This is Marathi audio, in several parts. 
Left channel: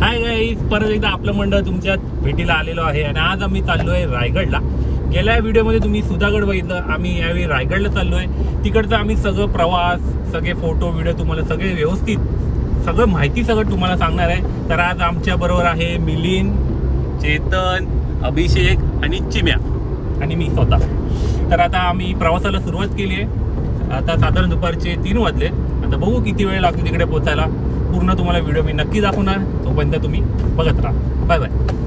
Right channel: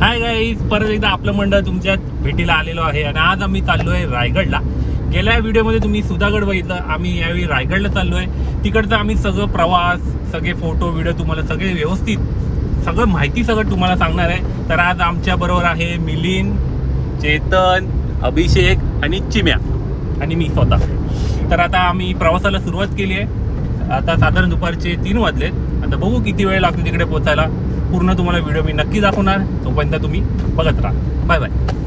हाय गाईज, परत एकदा आपलं मंडळ तुमच्या भेटीला आलेलो आहे आणि आज आम्ही चाललोय रायगडला। गेल्या व्हिडिओमध्ये तुम्ही सुधागड बघितलं, आम्ही यावेळी रायगडला चाललोय। तिकडचं आम्ही सगळं प्रवास, सगळे फोटो व्हिडिओ तुम्हाला सगळे व्यवस्थित सगळं माहिती सगळं तुम्हाला सांगणार आहे। तर आज आमच्या बरोबर आहे मिलिंद, चेतन, अभिषेक आणि चिम्या आणि मी स्वतः। तर आता आम्ही प्रवासाला सुरुवात केली आहे। आता साधारण दुपारचे 3 वाजलेत। आता बघू किती वेळ लागतो तिकडे पोहोचायला। पूर्ण तुम्हाला व्हिडिओ मी नक्की दाखवणार, तोपर्यंत तुम्ही बघत राहा। Bye bye.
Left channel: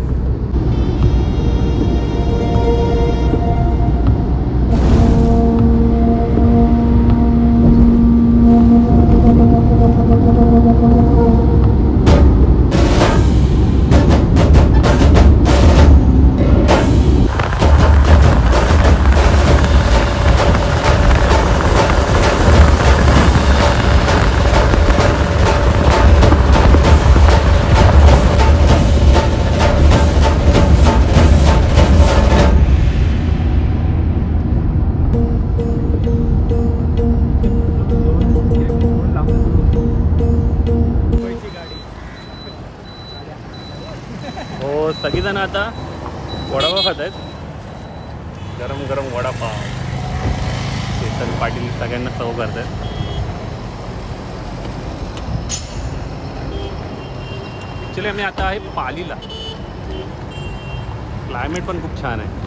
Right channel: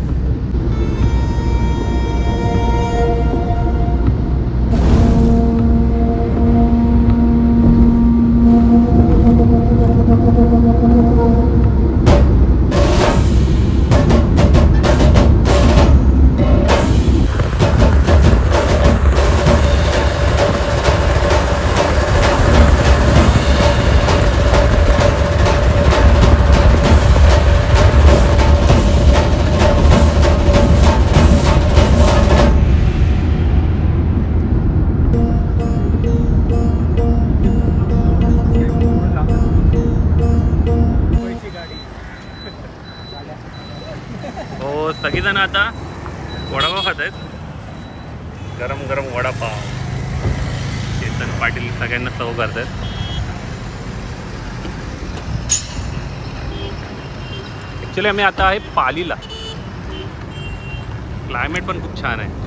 सगळेजण आता वडापाव खात आहेत, गरम गरम वडापाव। चेतन पाटील सगळ्यांना सर्व करत आहेत। ऍक्च्युली आम्ही आता आहे पालीला। क्लायमेट पण खूप छान आहे।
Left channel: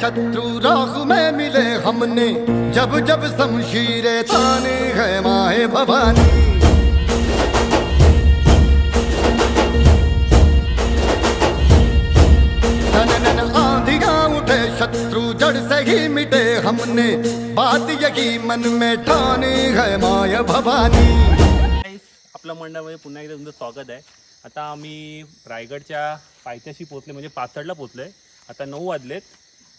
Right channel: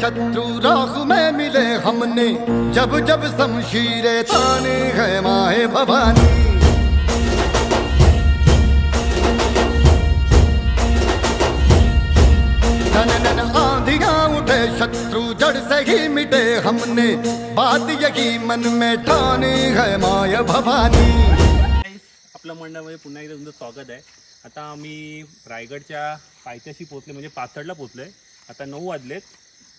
शत्रु राह में मिले हमने, जब जब शमशीरें ताने है माए भवानी। नन आंधियां उठे शत्रु जड़ से ही मिटे हमने, बात यही मन में ठानी है माय भवानी। आपल्या मंडळामध्ये पुन्हा एकदा तुमचं स्वागत आहे। आता आम्ही रायगडच्या पायथ्याशी पोहोचले, म्हणजे पाचडला पोहोचलोय। आता 9 वाजलेत।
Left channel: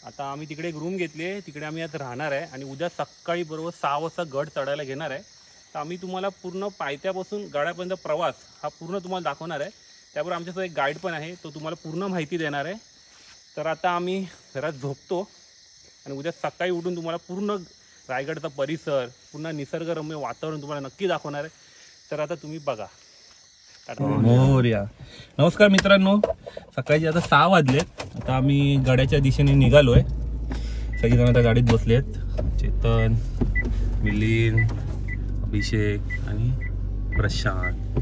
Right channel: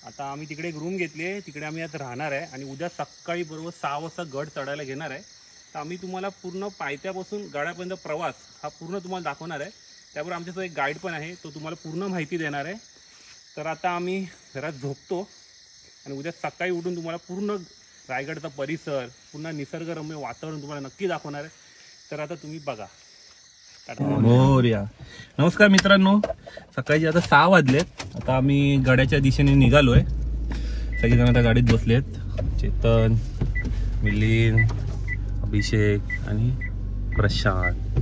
आता आम्ही तिकडे एक रूम घेतली आहे, तिकडे आम्ही आज राहणार आहे आणि उद्या सकाळी बरोबर 6 वाजता गड चढायला घेणार आहे। तर आम्ही तुम्हाला पूर्ण पायथ्यापासून गडापर्यंत प्रवास हा पूर्ण तुम्हाला दाखवणार आहे। त्याबरोबर आमच्यासोबत एक गाईड पण आहे, तो तुम्हाला पूर्ण माहिती देणार आहे। तर आता आम्ही घरात झोपतो आणि उद्या सकाळी उठून तुम्हाला पूर्ण रायगडचा परिसर, पूर्ण निसर्गरम्य वातावरण तुम्हाला नक्की दाखवणार आहे। तर आता तुम्ही बघा। मोरया। नमस्कार मित्रांनो, सकाळी आता 6 वाजलेत। आता आम्ही गडाच्या दिशेने निघालोय। सगळेजण आता गाडीत बसलेत, चेतन, मिलिंद, अभिषेक आणि प्रशांत।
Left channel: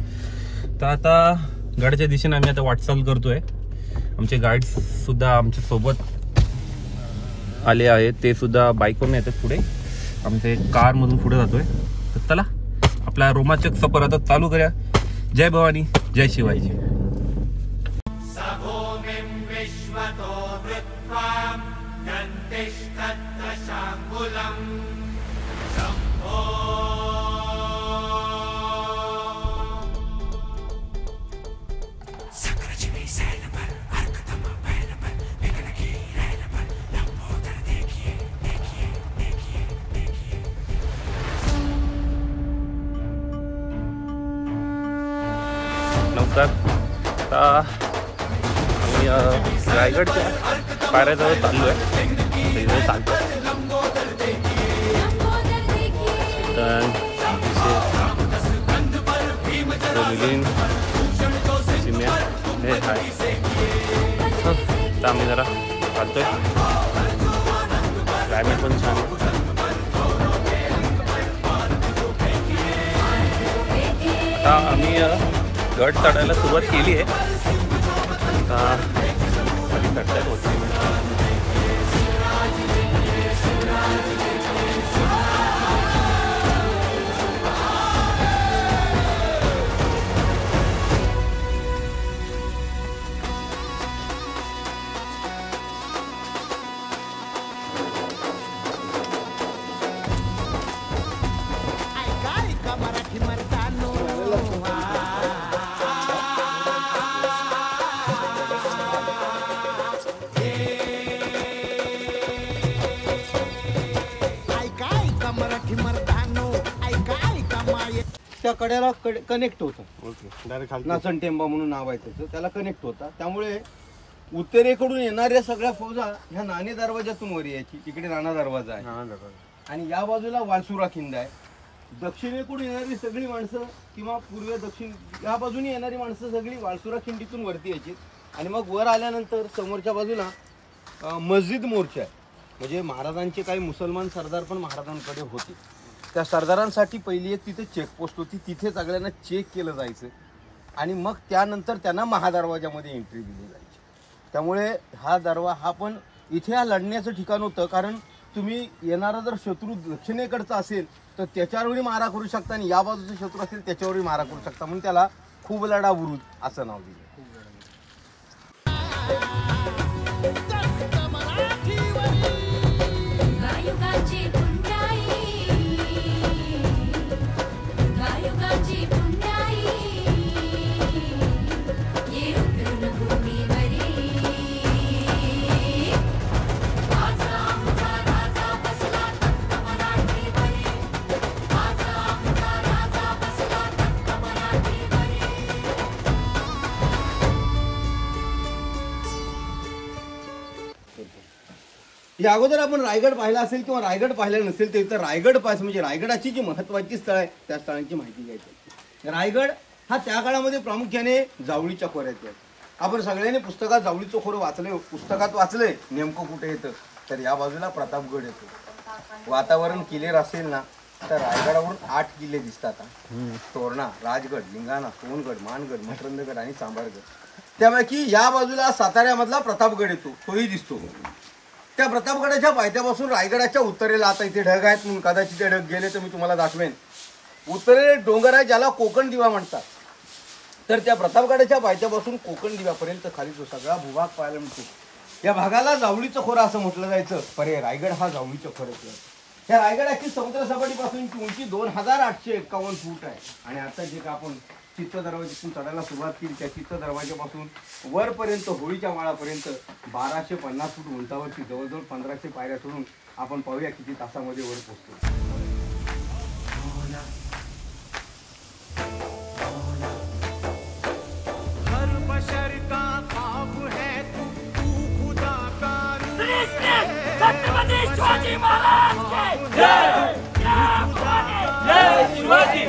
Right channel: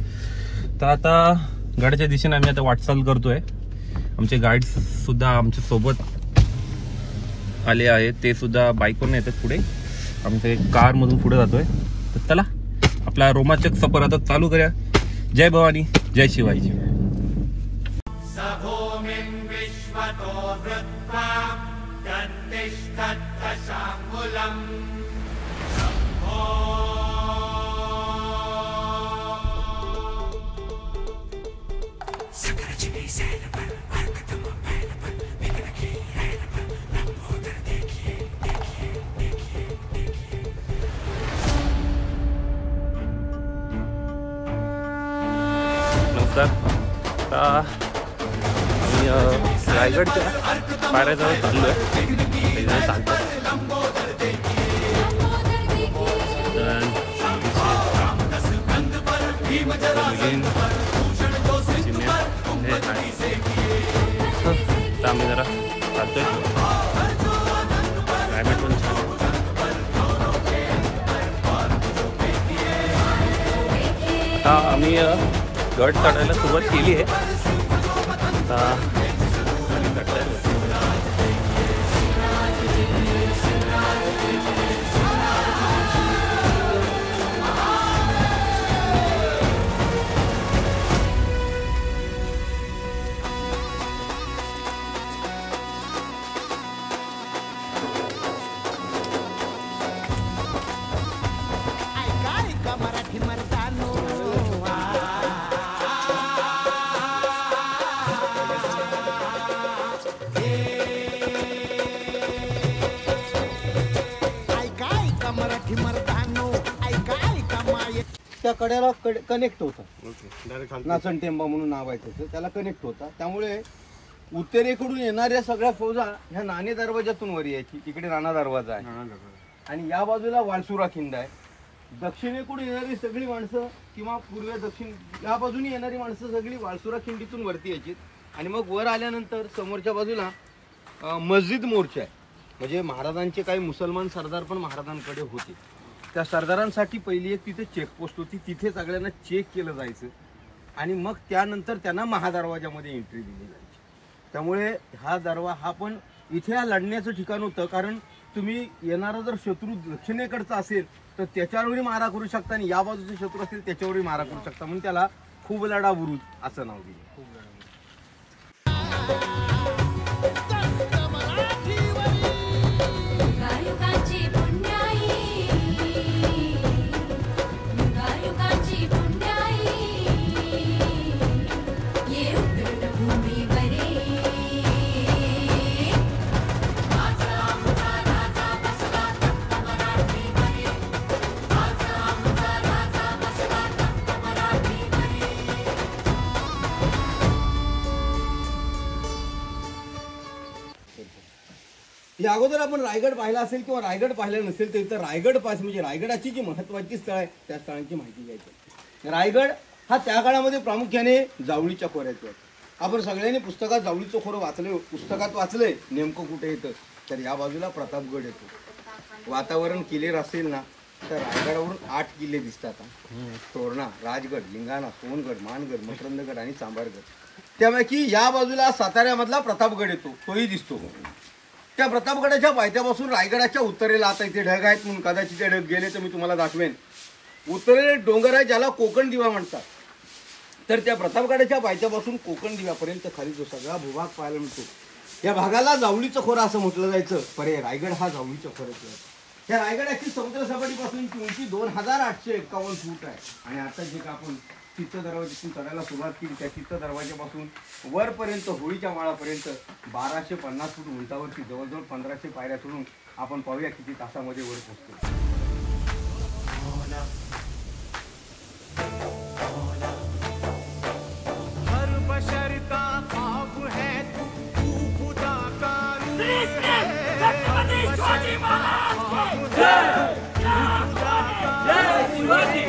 तर आता गडाच्या दिशेने आम्ही आता वाटचाल करतोय। आमचे गाईड सुद्धा आमच्या सोबत आले आहेत, ते सुद्धा बाईकवरून येतात पुढे। आमचे कार मधून पुढे जातोय। तर चला आपला रोमांचक सफर आता चालू करूया। जय भवानी, जय शिवाजी। आता आम्ही रायगडच्या पायऱ्याजवळ चाललोय। सगळीजण चालतोय। मिलिंद, चिम्या हे आहे। तर आम्ही जरा चालतोय। क्लायमेट पण छान आहे। आता आम्ही गड चढायला सुरुवात केली आहे। आता खाली चढतायत होती। ऐका मराठी मर्दानो, मराठी मर्दानो, ऐका ऐका माय। त्या कड्याला कनेक्ट होतं, नाचण टेंबा म्हणून नाव आहे त्याचं, त्याला कनेक्ट होता। त्यामुळे उत्तरेकडून येणाऱ्या सगळ्या फौजा ह्या नाणे दरवाजातून वर यायची. तिकडे नाना दरवाजा आहे आणि या बाजूला वाळसुरा खिंड आहे. दक्षिणेकडून येणारी सगळी माणसं किंवा पूर्व दक्षिण या बाजूने येणारी माणसं सगळी वाळसुरा खिंडीतून वरती यायची. आणि मग वर आल्यानंतर समोरच्या बाजूला मस्जिद मोर्चा आहे. म्हणजे महाराजांचे काही मुसलमान सरदार पण महाराजांकडे होते. त्या सरदारांसाठी पहिली एक तिथे चेकपोस्ट होती. तिथे सगळ्यांना चेक केलं जायचं आणि मग त्यानंतर त्यांना महादरवाजामध्ये एंट्री दिली जायची. त्यामुळे हा दरवा हा पण इथे हा लढण्याचं ठिकाण होतं. कारण तुम्ही येणारा जर शत्रू दक्षिणेकडचा असेल तर त्याच्यावरही मारा करू शकता आणि या बाजूचा शत्रू असेल त्याच्यावरही मारा करू शकता. म्हणून त्याला खूप लढा बुरुज असं नाव दिलं. या अगोदर आपण रायगड पाहिला असेल किंवा रायगड पाहिला नसेल तर इथं रायगड पास म्हणजे रायगडाची जी महत्वाची स्थळ आहे त्या स्थळांची माहिती घ्यायची. रायगड हा त्या काळामध्ये प्रामुख्याने जावळीच्या खोऱ्यात आहे. आपण सगळ्यांनी पुस्तकात जावळीचं खोरं वाचले, पुस्तकात वाचलंय नेमकं कुठे येतं तर या बाजूला प्रतापगड येतो. वातावरण क्लिअर असेल ना तर रायगडावरून 8 किल्ले दिसतात. तोरणा, राजगड, लिंगाणा, सोनगड, मानगड, मकरंदगड आणि चांभारगड. त्यापैकी या बाजूला साताऱ्यामधला प्रतापगड येतो, तोही दिसतो. त्या प्रतापगडाच्या पायथ्यापासून रायगडाच्या उत्तरेला आता इथे ढग आहेत म्हणून कदाचित ते ढग गेले तर मी तुम्हाला दाखवेन. उत्तरेला डोंगर आहे ज्याला कोकण दिवा म्हणतात. तर त्या प्रतापगडाच्या पायथ्यापासून कोकण दिव्यापर्यंत खाली जो सगळा भूभाग पाहायला मिळतो या भागाला जावळीचं खोरं असं म्हटलं जायचं. पण हे रायगड हा जावळीचं खोरं आहे. या रायगडाची समुद्र सपाटीपासून उंची 2851 फूट आहे. आणि आता जे का आपण चित्त दरवाजातून चढायला सुरुवात केली त्या चित्त दरवाजापासून वरपर्यंत होळीच्या माळापर्यंत 1250 फूट उंचावरती जवळजवळ 1500 पायऱ्या चढून आपण पाहूया किती तासामध्ये वर पोहोचतो. हर बशर का ख्वाब है तू खुदा का नूर है. शिवाजी महाराज जय शिवाजी.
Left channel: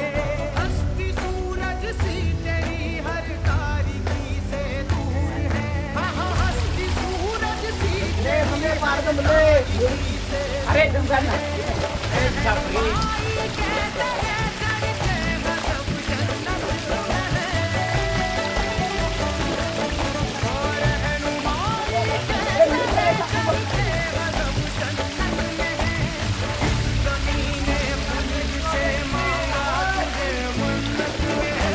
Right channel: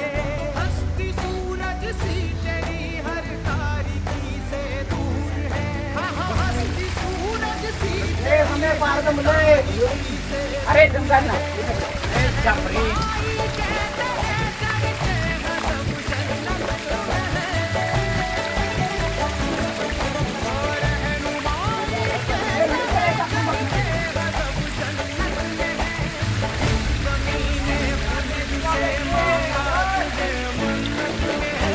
हस्ती सूरज सी तेरी हर तारीकी से दूर है. हस्ती सूरज सी तेरी हर तारीकी से दूर है. रहनुमाई कहते हैं चढ़ते हैं सब जन्नत में है. और रहनुमाई कहते हैं चढ़ते हैं सब जन्नत में है. इस ज़मीन खुल्द से मांगा तुझे मन्नत में है.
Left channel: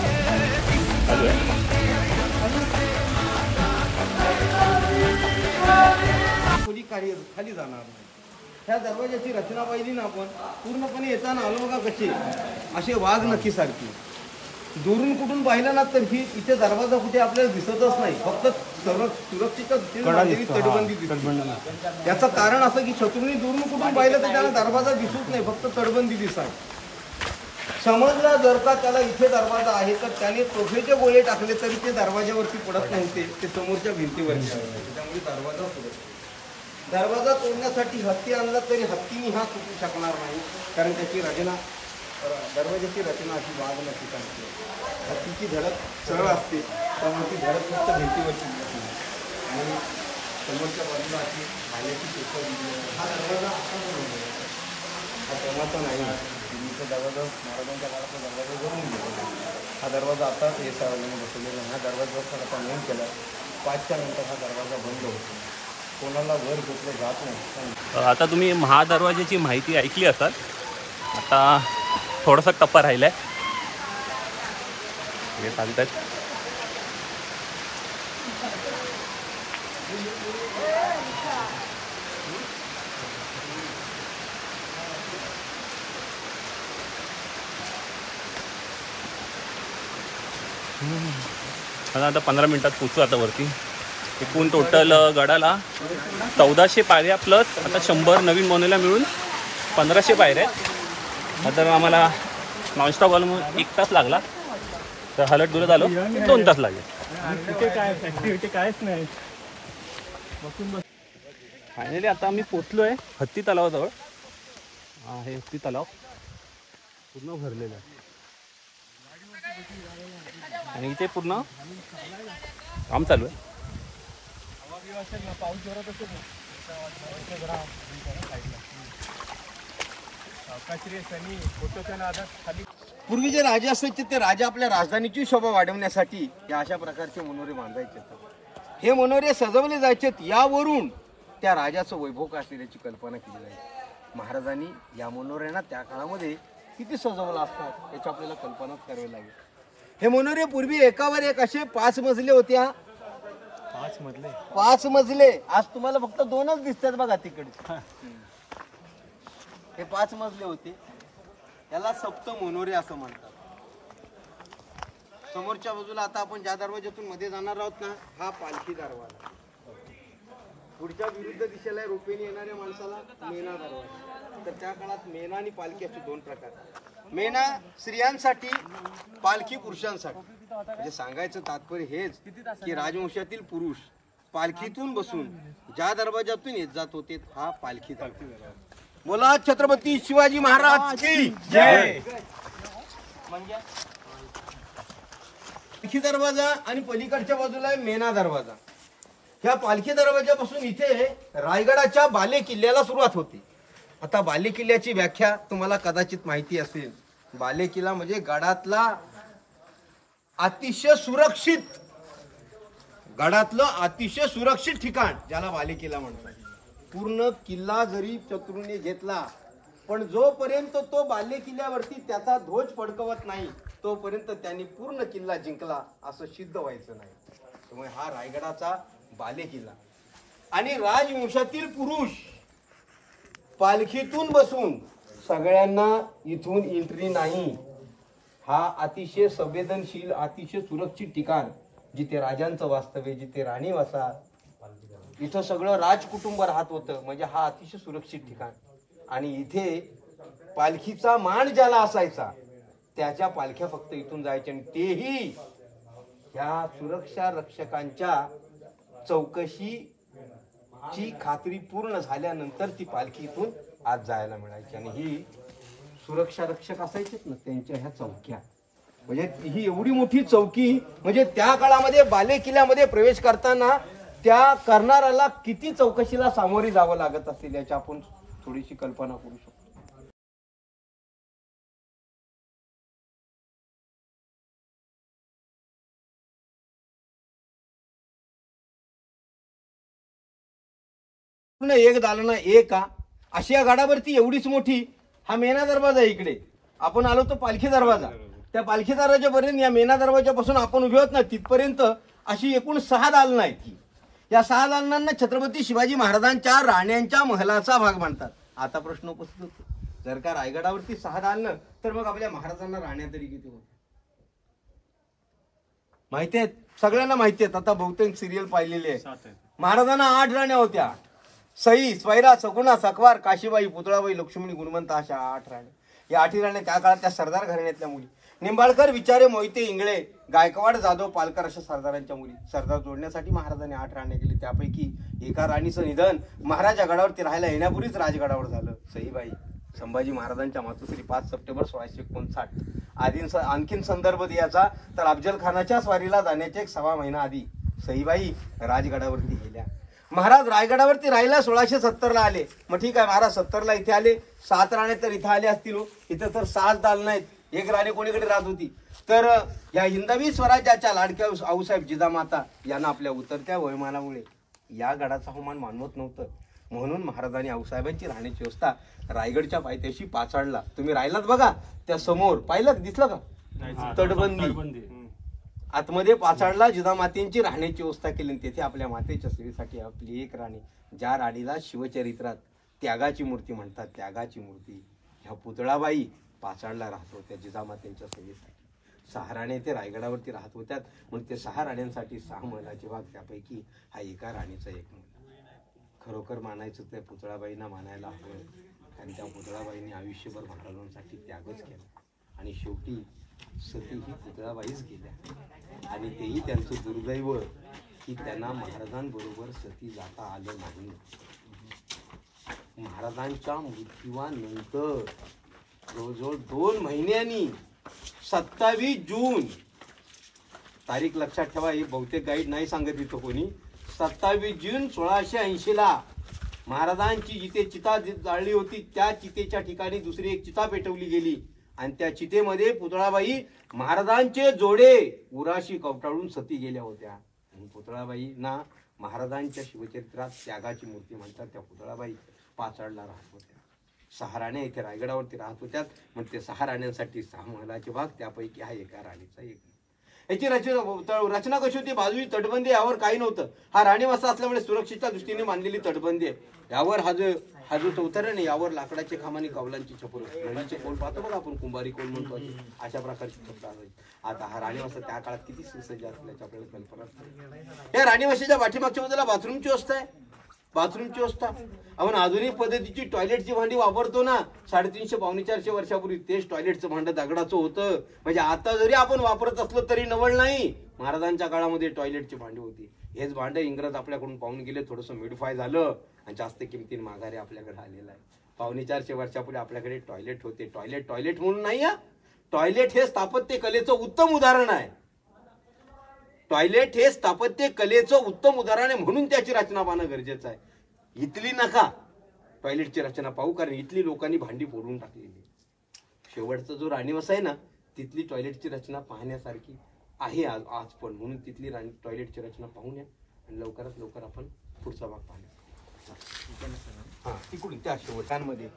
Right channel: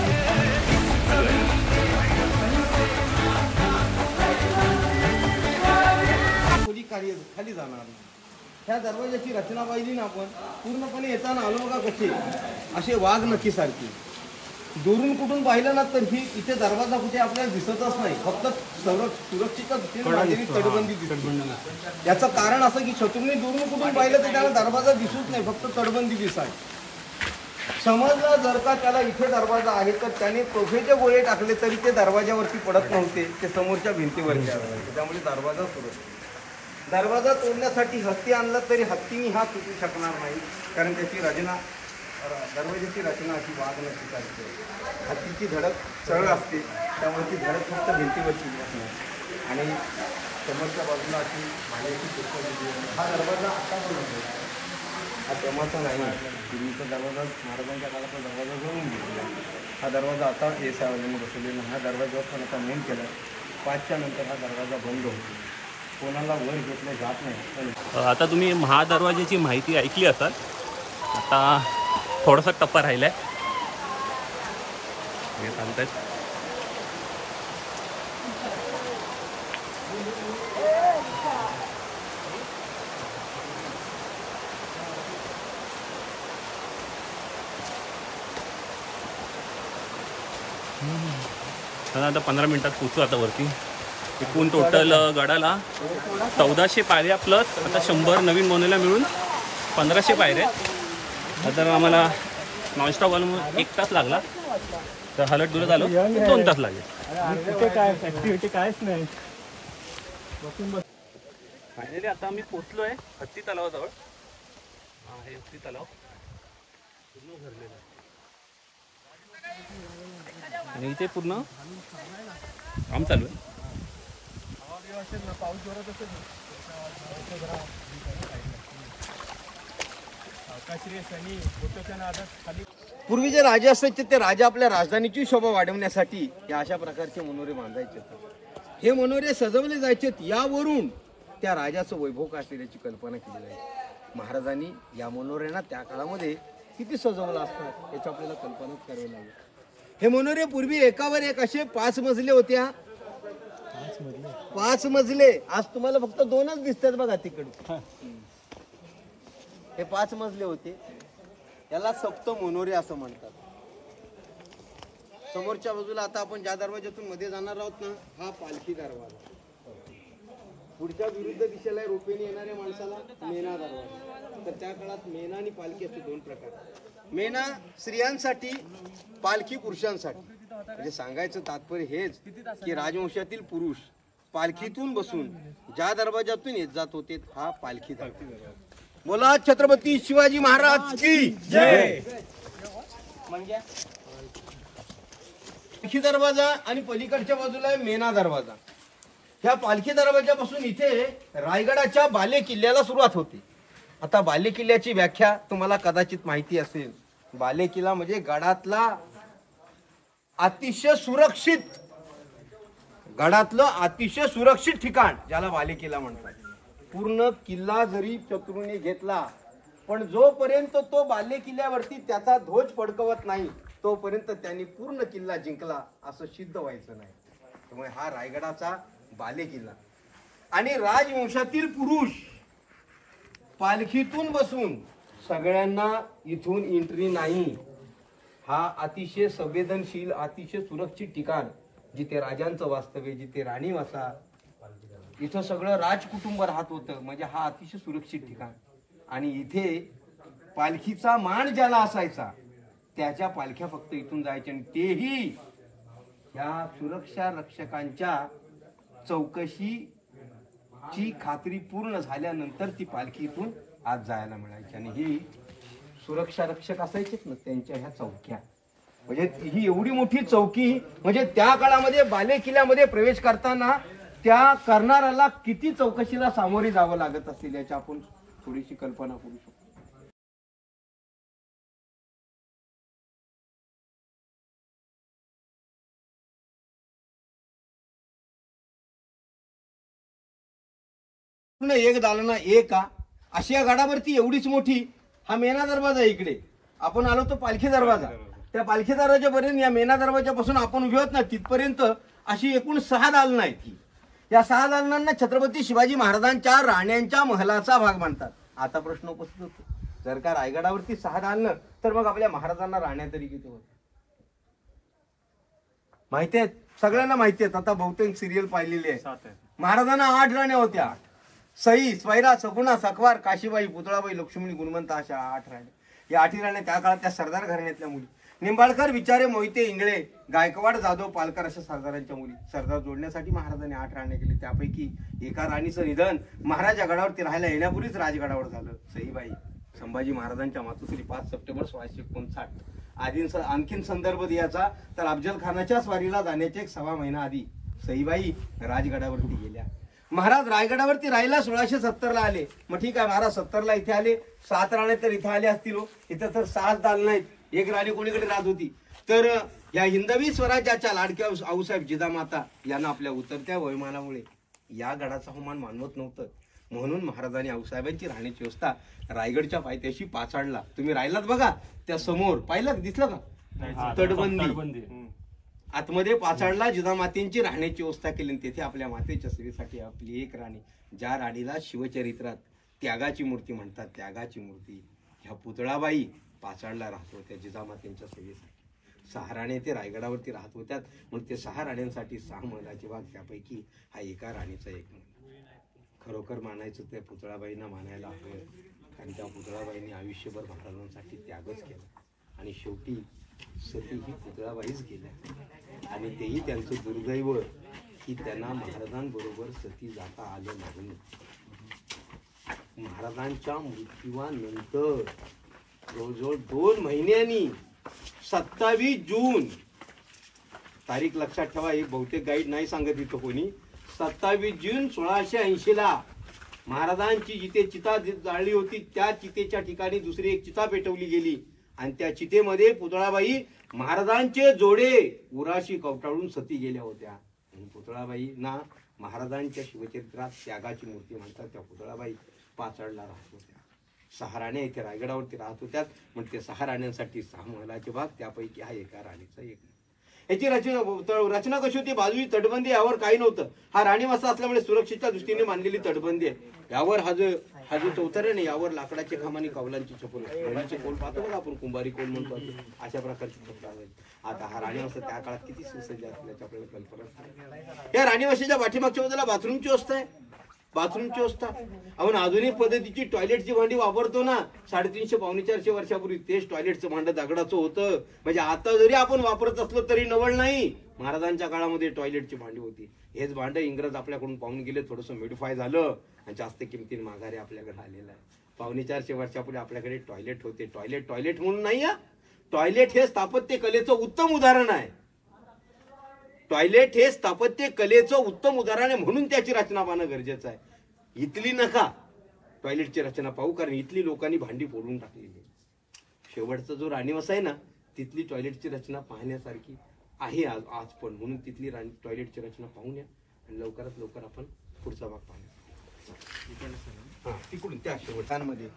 इस ज़मीन खुल्द से मांगा खोली खाली जाणार नाही. ह्या दरवाजाची रचना पाहिली ना आपण पूर्णपणे येताना आलो बघा कसे असे वाघ नक्की सारखे. दुरून कुठून पाहिलं ना तर ही इथे दरवाजा कुठे आपल्याला दिसतच नाही. फक्त सुरक्षेच्या दृष्टीने बांधलेली तटबंदी दिसते. याचं कारण असं की शत्रूंनी दुरून कुठून पाहिलं तर त्याला दरवाजा दिसत नाही, फक्त तटबंदी दिसाय. समजलं जर का त्याला इथे दरवाजा आहे तर त्याने तोफेचे गोळे टाकले तरी ते दरवाजावरती पडत नव्हते, ते समोरच्या भिंतीवरती आले. त्यामुळे दरवाजा सुरक्षित. दरवाजा तोडण्यासाठी हत्ती आणला तरी हत्तीने हा तुटू शकणार नाही. कारण त्याची रचना दरवाजाची रचना अशी वाघ नक्की सारखी आहे. हत्तीची धडक सरळ असते त्यामुळे ती धडक फक्त भिंतीवरती बसणार आणि समोरच्या बाजूला अशी भाल्याची चुका दिली आहे. हा दरवाजा आता पण होतो, हा तेव्हाचा नाही. पूर्वीचा दरवाजा महाराजांच्या काळातला दरवाजा जळून गेलेला. हा दरवाजा आता येसावाल्यांनी बसवलेला. हा दरवाजा पण आता नोंद केला. 5च्या नंतर हा दरवाजा बंद होतो. कोणाला वर घेतलं जात नाही. आता तुम्ही महादरवाजाची माहिती ऐकली असाल. आता थोडासा टप्पा राहिलाय. हे चालतात. आता 15 मिनिटात पोचू आता वरती. एकूण टोटल गडाला 1400 पायऱ्या प्लस आता 100 नवीन बनवल्या मिळून 1500 पायऱ्या आहेत. तर आम्हाला नॉनस्टॉप आलो मग 1 तास लागला. तर हलत दुरत आलो 2 तास लागेल. इथे काय ॲक्टिव्हिटी कायच नाही. फायनली आता आम्ही पोचलोय हत्ती तलावाजवळ. हे हत्ती तलाव पूर्ण भरलेलं आणि इथे पूर्ण काम चालू आहे. पूर्वी जे राजे असायचे ते राजे आपल्या राजधानीची शोभा वाढवण्यासाठी या अशा प्रकारचे मनोरे बांधायचे. हे मनोरे सजवले जायचे. यावरून त्या राजाचं वैभव काय असल्याची कल्पना केली जायची. महाराजांनी या मनोऱ्यांना त्या काळामध्ये किती सजवलं असतं याची आपल्याला कल्पनाच करावी लागेल. हे मनोरे पूर्वी एकावर एक असे 5 मजले होत्या. 5 मजले. आज तुम्हाला फक्त 2च दिसतात बघा तिकडे. हे 5 मजले होते. याला सप्त मनोरे असं म्हणतात. समोरच्या बाजूला आता आपण ज्या दरवाज्यातून मध्ये जाणार आहोत ना, हा पालखी दरवाजा. पुढच्या विरुद्ध दिशेला रोपेने येणाऱ्या माणसाला मेना दरवाजा. तर त्या काळात मेना आणि पालखी असे 2 प्रकार. मेना स्त्रियांसाठी, पालखी पुरुषांसाठी. म्हणजे सांगायचं तात्पर्य हेच की राजवंशातील पुरुष पालखीतून बसून ज्या दरवाजातून येत जात होते हा पालखी दरवाजा. बोला छत्रपती शिवाजी महाराज की जय. म्हणजे पालखी दरवाजा आणि पलीकडच्या बाजूला आहे मेना दरवाजा. ह्या पालखी दरवाजापासून इथे रायगडाच्या बाले किल्ल्याला सुरुवात होते. आता बाले किल्ल्याची व्याख्या तुम्हाला कदाचित माहिती असेल. बाले किल्ला म्हणजे गडातला अतिशय सुरक्षित, गडातलं अतिशय सुरक्षित ठिकाण ज्याला बाले किल्ला म्हणतात. पूर्ण किल्ला जरी शत्रूने घेतला पण जोपर्यंत तो बाले किल्ल्यावरती त्याचा ध्वज फडकवत नाही तोपर्यंत त्यांनी पूर्ण किल्ला जिंकला असं सिद्ध व्हायचं नाही. त्यामुळे हा रायगडाचा बाले किल्ला. आणि राजवंशातील पुरुष पालखीतून बसून सगळ्यांना इथून एंट्री नाही. हा अतिशय संवेदनशील, अतिशय सुरक्षित ठिकाण जिथे राजांचं वास्तव्य, जिथे राणी वसा, इथं सगळं राजकुटुंब राहत होतं. म्हणजे हा अतिशय सुरक्षित ठिकाण. आणि इथे पालखीचा मान ज्याला असायचा त्याच्या पालख्या फक्त इथून जायच्या आणि तेही ह्या सुरक्षा रक्षकांच्या चौकशीची खात्री पूर्ण झाल्यानंतर ती पालखी इथून आत जायला मिळायची. आणि ही सुरक्षा रक्षक असायचे ना त्यांच्या ह्या चौक्या. म्हणजे ही एवढी मोठी चौकी. म्हणजे त्या काळामध्ये बाले किल्ल्यामध्ये प्रवेश करताना त्या करणाऱ्याला किती चौकशीला सामोरी जावं लागत असेल याची आपण थोडीशी कल्पना करू शकतो. एक दालन एक अशी या गडावरती एवढीच मोठी हा मेना दरवाजा आहे. इकडे आपण आलो तो पालखी दरवाजा. त्या पालखी दरवाजापर्यंत या मेना दरवाजापासून आपण उभे होत ना तिथपर्यंत अशी एकूण 6 दालनं आहेत. या 6 दालनांना छत्रपती शिवाजी महाराजांच्या राण्यांच्या महलाचा भाग म्हणतात. आता प्रश्न उपस्थित होतो, जर का रायगडावरती 6 दालनं तर मग आपल्या महाराजांना राण्या तरी किती होत्या माहिती आहेत? सगळ्यांना माहिती आहेत. आता बहुतेक सिरियल पाहिलेली आहे. महाराजांना 8 राण्या होत्या. सई, स्वैरा, सगुणा, सकवार, काशीबाई, पुतळाबाई, लक्ष्मणी, गुणवंता अशा 8 राण्या. या 8 राण्या त्या काळात त्या सरदार घराण्यातल्या मुली. निंबाळकर, विचारे, मोहिते, इंगळे, गायकवाड, जाधव, पालकर अशा सरदारांच्या मुली. सरदार जोडण्यासाठी महाराजांनी 8 राण्या केली. त्यापैकी एका राणीचं निधन महाराजा गडावरती राहायला येण्यापूर्वीच राजगडावर झालं. सईबाई संभाजी महाराजांच्या मातोश्री 5 सप्टेंबर 1659. आणखीन संदर्भ द्यायचा तर अफजल खानाच्या स्वारीला जाण्याच्या 1.25 महिना आधी सईबाई राजगडावरती गेल्या. महाराज रायगडावरती राहिला 1670ला आले. मग ठीक आहे, महाराज 70ला इथे आले. 7 राणे तर इथे आले असतील. इथं तर 6 दालनं आहेत. 1 राणी कोणीकडे राहत होती तर या हिंदवी स्वराज्याच्या लाडक्या आऊसाहेब जिजामाता यांना आपल्या उतरत्या वयोमानामुळे या गडाचा अवमान मानवत नव्हतं. म्हणून महाराजांनी आऊसाहेबांची राहण्याची व्यवस्था रायगडच्या पायथ्याशी पाचाडला. तुम्ही राहिलात बघा त्या समोर पाहिलं, दिसलं का तटबंदी. आतमध्ये पाचाडला जिजामातेंची राहण्याची व्यवस्था केली. तेथे आपल्या मातेच्या सेवेसाठी आपली एक राणी, ज्या राणीला शिवचरित्रात त्यागाची मूर्ती म्हणतात, त्यागाची मूर्ती, ह्या पुतळाबाई पाचाडला राहत होत्या जिजामातेंच्या सेवेसाठी. 6 राणे ते रायगडावरती राहत होत्यात. म्हणून ते 6 राण्यांसाठी 6 महिलाचे भाग, त्यापैकी हा एका राणीचा एक महिना. खरोखर मानायचं त्या पुतळाबाईंना मानायला हवं. आणि त्या पुतळाबाईंनी आयुष्यभर महाराजांसाठी त्यागच केला. आणि शेवटी सती ही पुतळाबाईच केल्या. आणि तेही त्यांचं दुर्दैव की त्यांना महाराजांबरोबर सती जाता आलं नाही. महाराजांच्या मृत्यूनंतर जवळजवळ 2 महिन्यांनी 27 जून तारीख लक्षात ठेवा, ही बहुतेक गाईड नाही सांगत इथं कोणी. 27 जून 1680 ला महाराजांची जिथे चिता जाळली होती त्या चितेच्या ठिकाणी दुसरी एक चिता पेटवली गेली आणि त्या चितेमध्ये पुतळाबाई महाराजांचे जोडे उराशी कवटाळून सती गेल्या होत्या. पुतळाबाई ना महाराजांच्या शिवचरित्रात त्यागाची मूर्ती म्हणतात. त्या पुतळाबाई पाचाडला राहत होत्या. 6 राण्या इथे रायगडावरती राहत होत्या. म्हणजे 6 राण्यांसाठी 6 महलाचे भाग, त्यापैकी हा एका राणीचा एक. याची रचना कशी होती? बाजूची तटबंदी, यावर काही नव्हतं. हा राणीवासा असल्यामुळे सुरक्षेच्या दृष्टीने बांधलेली तटबंदी आहे. यावर हा जो चौथरा नाही, यावर लाकडाचे खांब आणि कौलांची छपर, घडीचे कोल पाहतो बघा आपण, कुंभारी कोल म्हणतो, अशा प्रकारची छपर आहे. आता हा राणीवासा त्या काळात किती सुसज्ज असल्याची आपल्याला कल्पना असते. या राणीवासाच्या पाठीमागच्या बाजूला बाथरूमची व्यवस्था आहे. बाथरूमची व्यवस्था आपण आधुनिक पद्धतीची टॉयलेटची भांडी वापरतो ना, 350 पावणे 400 वर्षापूर्वी तेच टॉयलेटचं भांडं दगडाचं होतं. म्हणजे आता जरी आपण वापरत असलो तरी नवल नाही. महाराजांच्या काळामध्ये टॉयलेटची भांडी होती. हेच भांडं इंग्रज आपल्याकडून पाहून गेले, थोडंसं मिडफाय झालं आणि जास्त किमतीने माघारी आपल्याकडे आलेलं आहे. 450 वर्षापूर्वी आपल्याकडे टॉयलेट होते. टॉयलेट म्हणून नाही हा. टॉयलेट हे स्थापत्य कलेचं उत्तम उदाहरण आहे. टॉयलेट हे स्थापत्य कलेचं उत्तम उदाहरण आहे, म्हणून त्याची रचना पाहणं गरजेचं आहे. इथली नका टॉयलेटची रचना पाहू, कारण इथली लोकांनी भांडी फोडून टाकलेली. शेवटचा जो राणीवासा आहे ना, तिथली टॉयलेटची रचना पाहण्यासारखी आहे आज पण. म्हणून तिथली टॉयलेटची रचना पाहून या आणि लवकरात लवकर आपण पुढचा भाग पाहूया. तिकडून त्या शेवटांमध्ये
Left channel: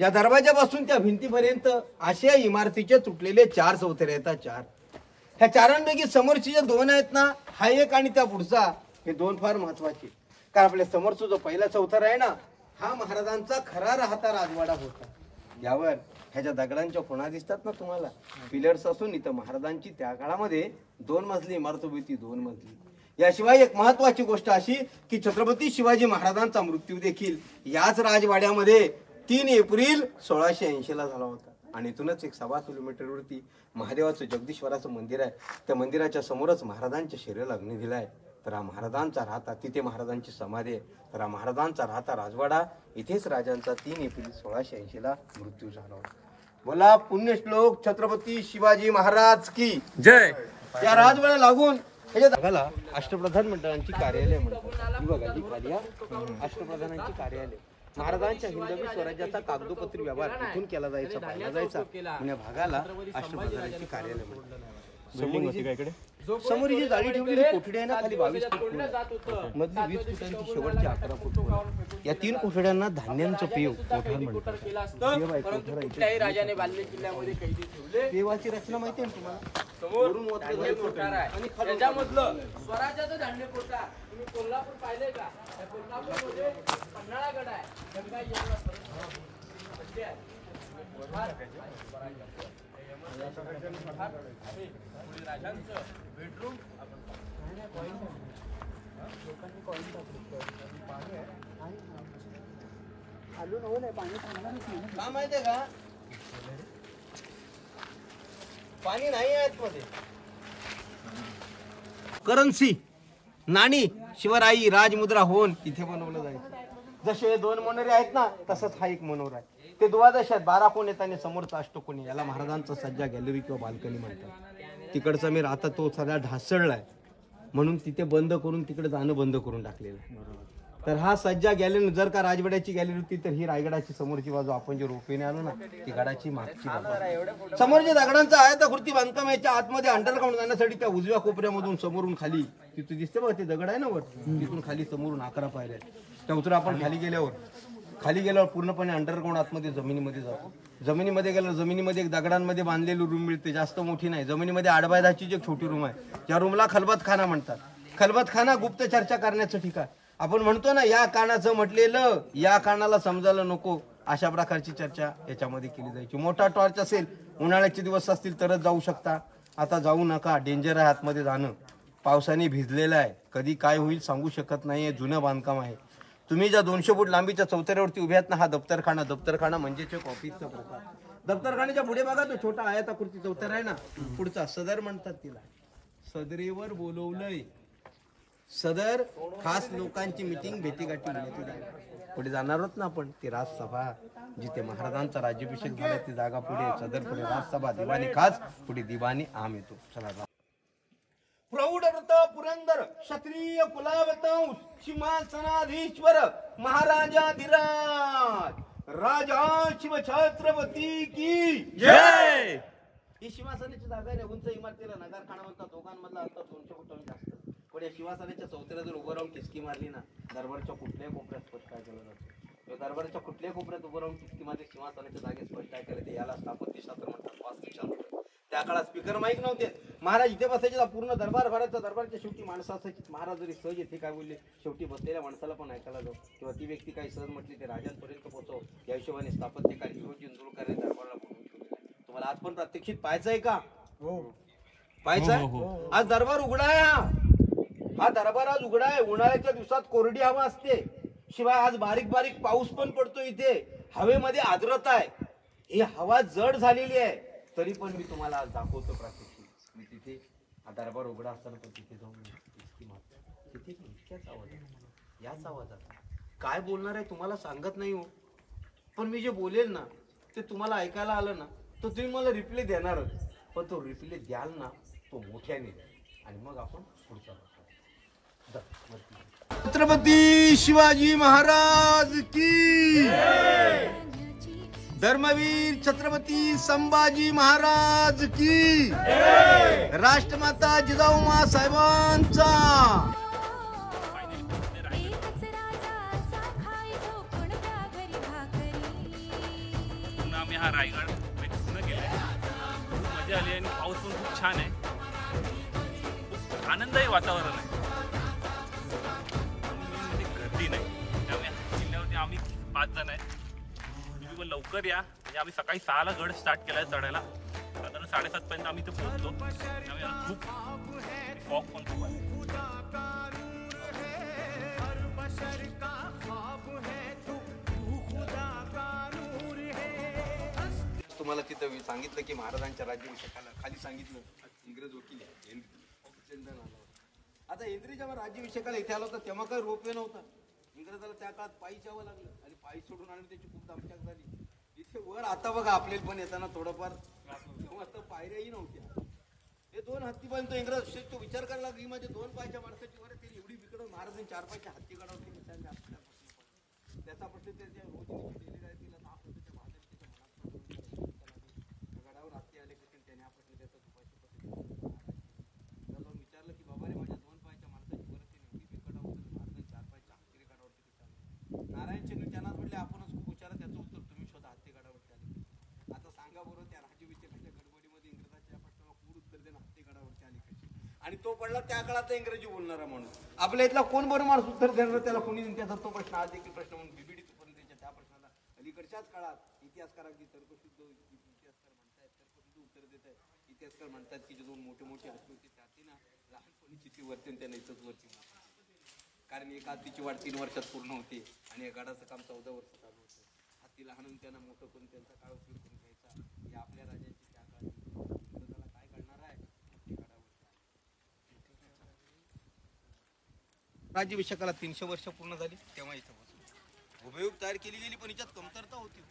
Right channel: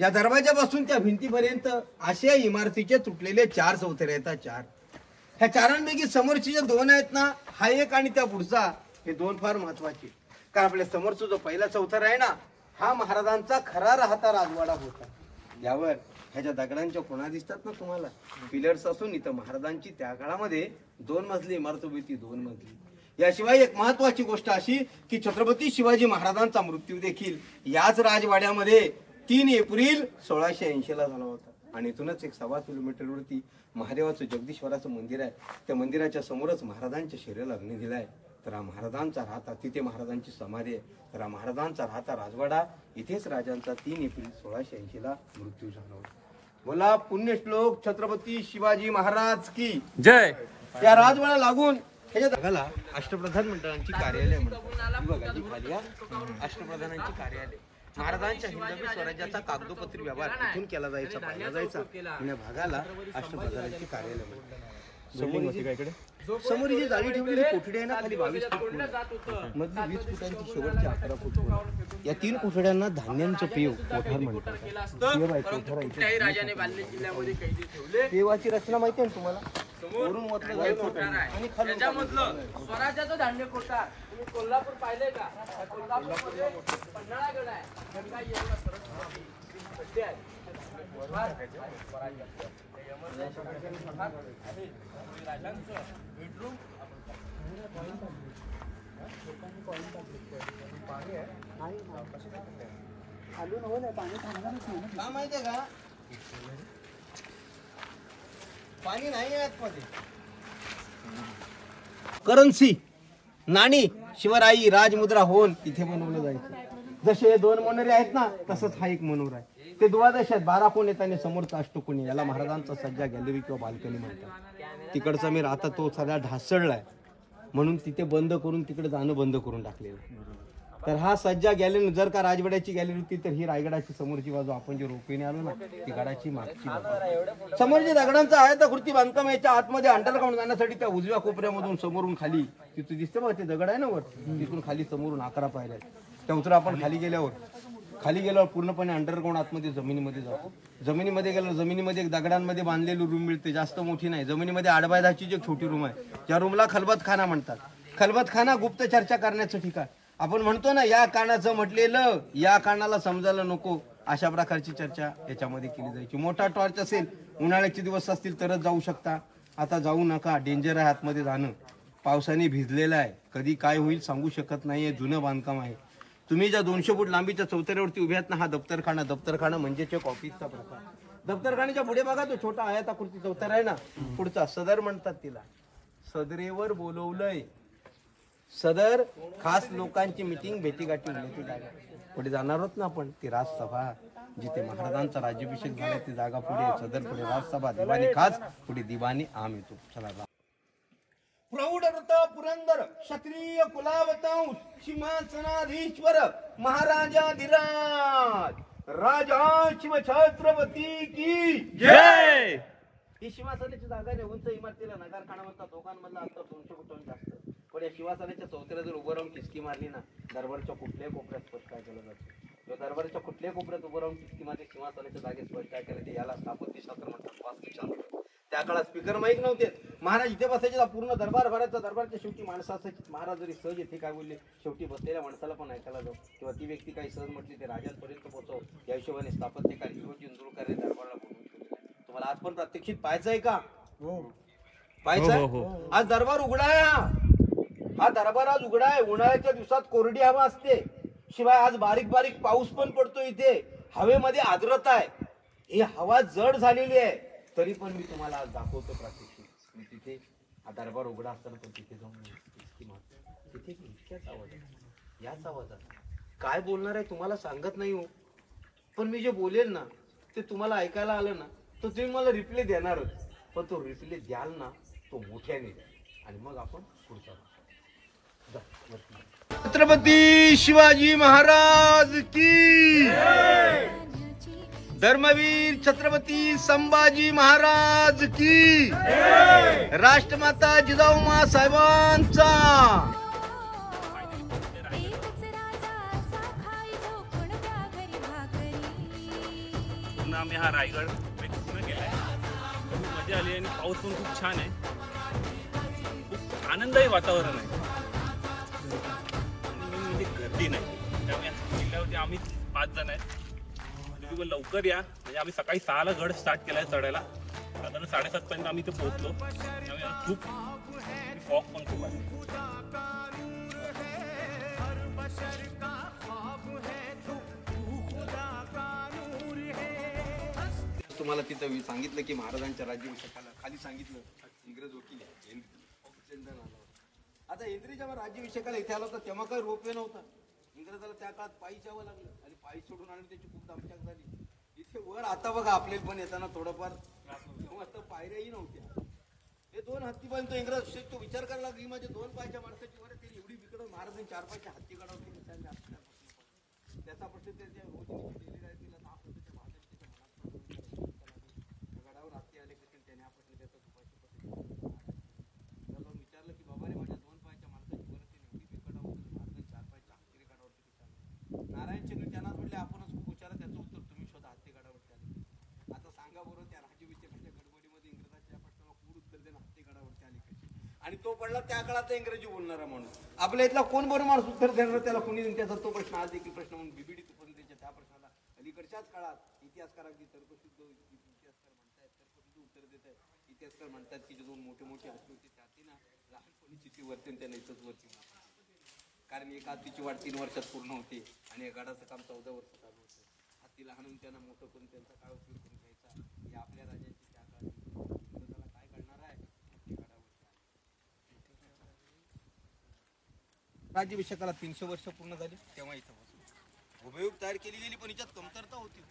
या दरवाजापासून त्या भिंतीपर्यंत अशा इमारतीचे तुटलेले 4 चौथरे येतात. 4 ह्या 4पैकी समोरची जे 2 आहेत ना, हा एक आणि त्या पुढचा, हे 2 फार महत्वाचे. कारण आपल्या समोरचा जो पहिला चौथरा आहे ना, हा महाराजांचा खरा राहता राजवाडा होता. यावर ह्याच्या दगडांच्या खुणा दिसतात ना तुम्हाला, पिलर्स असून इथं महाराजांची त्या काळामध्ये 2 मजली इमारत होती. 2 मजली. याशिवाय एक महत्वाची गोष्ट अशी की छत्रपती शिवाजी महाराजांचा मृत्यू देखील याच राजवाड्यामध्ये 3 एप्रिल 1680 ला झाला होता. आणि इथूनच एक 1.25 किलोमीटरवरती महादेवाचं जगदीश्वराचं मंदिर आहे. त्या मंदिराच्या समोरच महाराजांच्या शरीराला अग्नी दिलाय. तर हा महाराजांचा राहता, तिथे महाराजांची समाधी आहे. तर हा महाराजांचा राहता राजवाडा, इथेच राजांचा 3 एप्रिल 1680 ला मृत्यू झाला होता. बोला पुण्यश्लोक छत्रपती शिवाजी महाराज की जय. या राजवाडा लागून ह्याच्या जागाला अष्टप्रधान मंडळांची कार्यालय म्हणतात. बघा जी खाली अष्टप्रधानांची कार्यालय. महाराजांच्या हिंदवी स्वराज्याचा कागदोपत्री व्यवहार इथून केला जायचा, पाहिला जायचा. या भागाला अष्टप्रधानांची कार्यालय म्हणतात. समोर ही जाळी ठेवलेली कोठडी आहे ना, खाली 22 फूट मधली 20 फुटांची शेवटची 11 फूट. या 3 कोठड्यांना धान्यांचं पेव कोठार म्हणतात. पेवाची रचना माहिती आहे तुम्हाला? स्वराज्याचं धान्य कोठार. तुम्ही कोल्हापूर पाहिलंय का? कोल्हापूरमध्ये पन्हाळागड आहे. बेडरूम का माहितीये का? पाणी नाही आहे मध्ये. करन्सी, नाणी, शिवराई, राजमुद्रा होऊन इथे बनवलं जायचं. जसे 2 मनोरे आहेत ना, तसंच हा एक मनोरा आहे. ते द्वादश आहेत. 12 कोण आहेत आणि समोरचा अष्टकोनी. याला महाराजांचा सज्जा गॅलरी किंवा बाल्कनी म्हणतात. तिकडचा मी राहता तो सगळा ढासळलाय, म्हणून तिथे बंद करून तिकडे जाणं बंद करून टाकलेलं. तर हा सज्जा गॅलरी, जर का राजवाड्याची गॅलरी होती तर ही रायगडाची समोरची बाजू, आपण जे रोपेने आलो ना, ती गडाची मागची बाजू. समोरच्या दगडांचा आयताकृती बांधकाम याच्या आतमध्ये अंडरग्राऊंड जाण्यासाठी त्या उजव्या कोपऱ्यामधून समोरून खाली तिथून दिसते बघा, ते दगड आहे ना वर, तिथून खाली समोरून 11 पायऱ्या आहेत. त्या उतरा आपण खाली गेल्यावर पूर्णपणे अंडरग्राऊंड आतमध्ये जमिनीमध्ये जातो. जमिनीमध्ये गेल्यावर जमिनीमध्ये एक दगडांमध्ये बांधलेली रूम मिळते, जास्त मोठी नाही. जमिनीमध्ये 8x10ची जी छोटी रूम आहे, त्या रूमला खलबतखाना म्हणतात. खलबतखाना गुप्त चर्चा करण्याचं ठिकाण. आपण म्हणतो ना, या कानाचं म्हटलेलं या कानाला समजायला नको, अशा प्रकारची चर्चा याच्यामध्ये केली जायची. मोठा टॉर्च असेल, उन्हाळ्याचे दिवस असतील तरच जाऊ शकता. आता जाऊ नका, डेंजर आहे आतमध्ये जाणं. पावसाने भिजलेलं आहे, कधी काय होईल सांगू शकत नाहीये. जुनं बांधकाम आहे. तुम्ही ज्या 200 फूट लांबीच्या चौतऱ्यावरती उभे आहात ना, हा दप्तरखाना म्हणजेच एक ऑफिसचा प्रकार. दप्तरखान्याच्या पुढे बघा तो छोटा आयताकृती चौतरा आहे ना, पुढचा सदर म्हणतात तिला. सदरेवर बोलवलंय. सदर खास लोकांची मिटिंग भेटीगाठी होण्याची जागा पुढे जाणार आहोत ना आपण. ती राजसभा जिथे महाराजांचा राज्याभिषेक झालाय ती जागा पुढे, सदर पुढे राजसभा, दिवाणी खास, पुढे दिवाणी आम येतो. चला प्रौढ व्रत पुरंदर क्षत्रिय कुलावत सिंहासनाधीश्वर महाराजाधिराज राजा शिव छत्रपती की जय. ही शिवासनाची जागा आहे. उंच इमारतीला नगारखाना म्हणतात. दोघांमधला अंतर 200 फुटांनी जास्त. पण या शिवासनाच्या चौथऱ्या जर उभं राहून टिचकी मारली ना, दरबारच्या कुठल्याही कोपऱ्यात स्पष्ट ऐकलं जातं. किंवा दरबारच्या कुठल्याही कोपऱ्यात उभं राहून टिचकी मारली सिंहासनाच्या जागेत स्पष्ट ऐकलं ते याला स्थापत्यशास्त्र म्हणतात, वास्तुशास्त्र. त्या काळात स्पीकर माईक नव्हते. महाराज इथे बसायचे. पूर्ण दरबार भरायचा. दरबारच्या शेवटी माणसं असायची. महाराज जरी सहज येथे काय बोलले, शेवटी बसलेल्या माणसाला पण ऐकायला जाऊ किंवा ती व्यक्ती काही सहज म्हटली ते राजांपर्यंत पोहोचव. या हिशोबाने स्थापत्यकार हिरोजी इंदुरकर दरबारला बोलवून ठेवलेलं आहे. तुम्हाला आज पण प्रात्यक्षिक पाहायचं आहे का? पाहायचंय. आज दरबार उघडा आहे. हा दरबार आज उघडा आहे. उन्हाळ्याच्या दिवसात कोरडी हवा असते. शिवाय आज बारीक बारीक पाऊस पण पडतो. इथे हवेमध्ये आर्द्रता आहे. ही हवा जड झालेली आहे. तरी पण मी तुम्हाला आज दाखवतो प्रात्यक्षिक. मी तिथे हा दरबार उघडा असताना पण तिथे जाऊन तिथे इतक्याच आवाज आहे, याच आवाजात काय बोलणार आहे तुम्हाला सांगत नाही हो. पण मी जे बोलेल ना ते तुम्हाला ऐकायला आलं ना तर तुम्ही मला रिप्ले देणारच. पण तो रिप्ले द्याल ना तो मोठ्याने द्या आणि मग आपण पुढचा छत्रपती शिवाजी महाराज की, धर्मवीर छत्रपती संभाजी महाराज की, राष्ट्रमाता जिजाऊ साहेबांचा. आम्ही हा रायगड पूर्ण केलाय. खूप मजा आली आणि पाऊस पण खूप छान आहे. खूप आनंदही वातावरण आहे. म्हणजे गर्दी नाही. त्यामुळे किल्ल्यावरती आम्ही 5 जण आहे. लवकर या. म्हणजे आम्ही सकाळी 6ला गड स्टार्ट केलाय चढायला. साधारण 7:30 पर्यंत आम्ही इथे पोहोचलो. त्यामुळे खूप फॉग पण खूप आहे. तुम्हाला तिथं सांगितलं की महाराजांच्या राज्याभिषेकाला खाली सांगितलं इंग्रज वकील आता इंद्री जेव्हा राज्याभिषेकाला इथे आला होता तेव्हा काही रोपवे नव्हता. इंग्रजाला त्या काळात पायी जावं लागलं आणि पायी सोडून आले त्याची खूप दमछाक झाली. इथे वर आता बघा आपले पण येताना थोडंफार आता पायऱ्याही नव्हत्या. हे 2 हत्तीपर्यंत इंग्रज तो विचार करायला लागली माझ्या 2 पायच्या माणसाची वर केली एवढी विकड महाराजांनी 4 पायच्या हत्ती काढावती. त्याचा प्रश्न त्याच्या गडावर हत्ती आले की त्याने हा प्रश्न त्याचा विचारलं की बाबा माझ्या 2 पायच्या माणसाची वर केली एवढी विकड होती महाराजांनी 4 पायच्या हत्ती काढावती. नारायण चिन्ह त्यांना म्हटले आपणच खूप विचारा त्याचं उत्तर तुम्ही स्वतः हत्ती काढावरती आले. आता सांगा बरोबर त्या राज्याभिषेकाच्या गडबडीमध्ये इंग्रजाच्या प्रश्नाला पूर्ण उत्तर देणं हत्ती काढावरती आली कशी. आणि तो पडला त्या काळात इंग्रजी बोलणारा म्हणून. आपल्या इथला कोण बरं माणूस उत्तर देणार त्याला कोणी त्याचा तो प्रश्न आज देखील प्रश्न म्हणून बिबिडीत पडून त्या प्रश्नाला अलीकडच्याच काळात इतिहासकारांची तर्कशुद्ध इतिहासकार म्हणतात तर्कशुद्ध उत्तर देत आहेत. इतिहासकार म्हणतात की जे 2 मोठे मोठे हत्ती होते त्याचे ना लहानपणी किती वरते त्यांना इथंच वरती. कारण एका हत्तीची वाढ 3 वर्षात पूर्ण होते आणि या गडाचं काम 14 वर्ष चालू होतं. हत्ती लहान त्यांना मोठं करून त्यांचा काय उपयोग करून घ्यायचा. या आपल्या राज्याची त्या काळात त्याला काय करणार आहे हत्ती गडावर. राज्याभिषेकाला 300 वर्ष पूर्ण झाली तेव्हा इथं हुबेहूब तयार केली गेली. पण याच्यात कमतरता होती.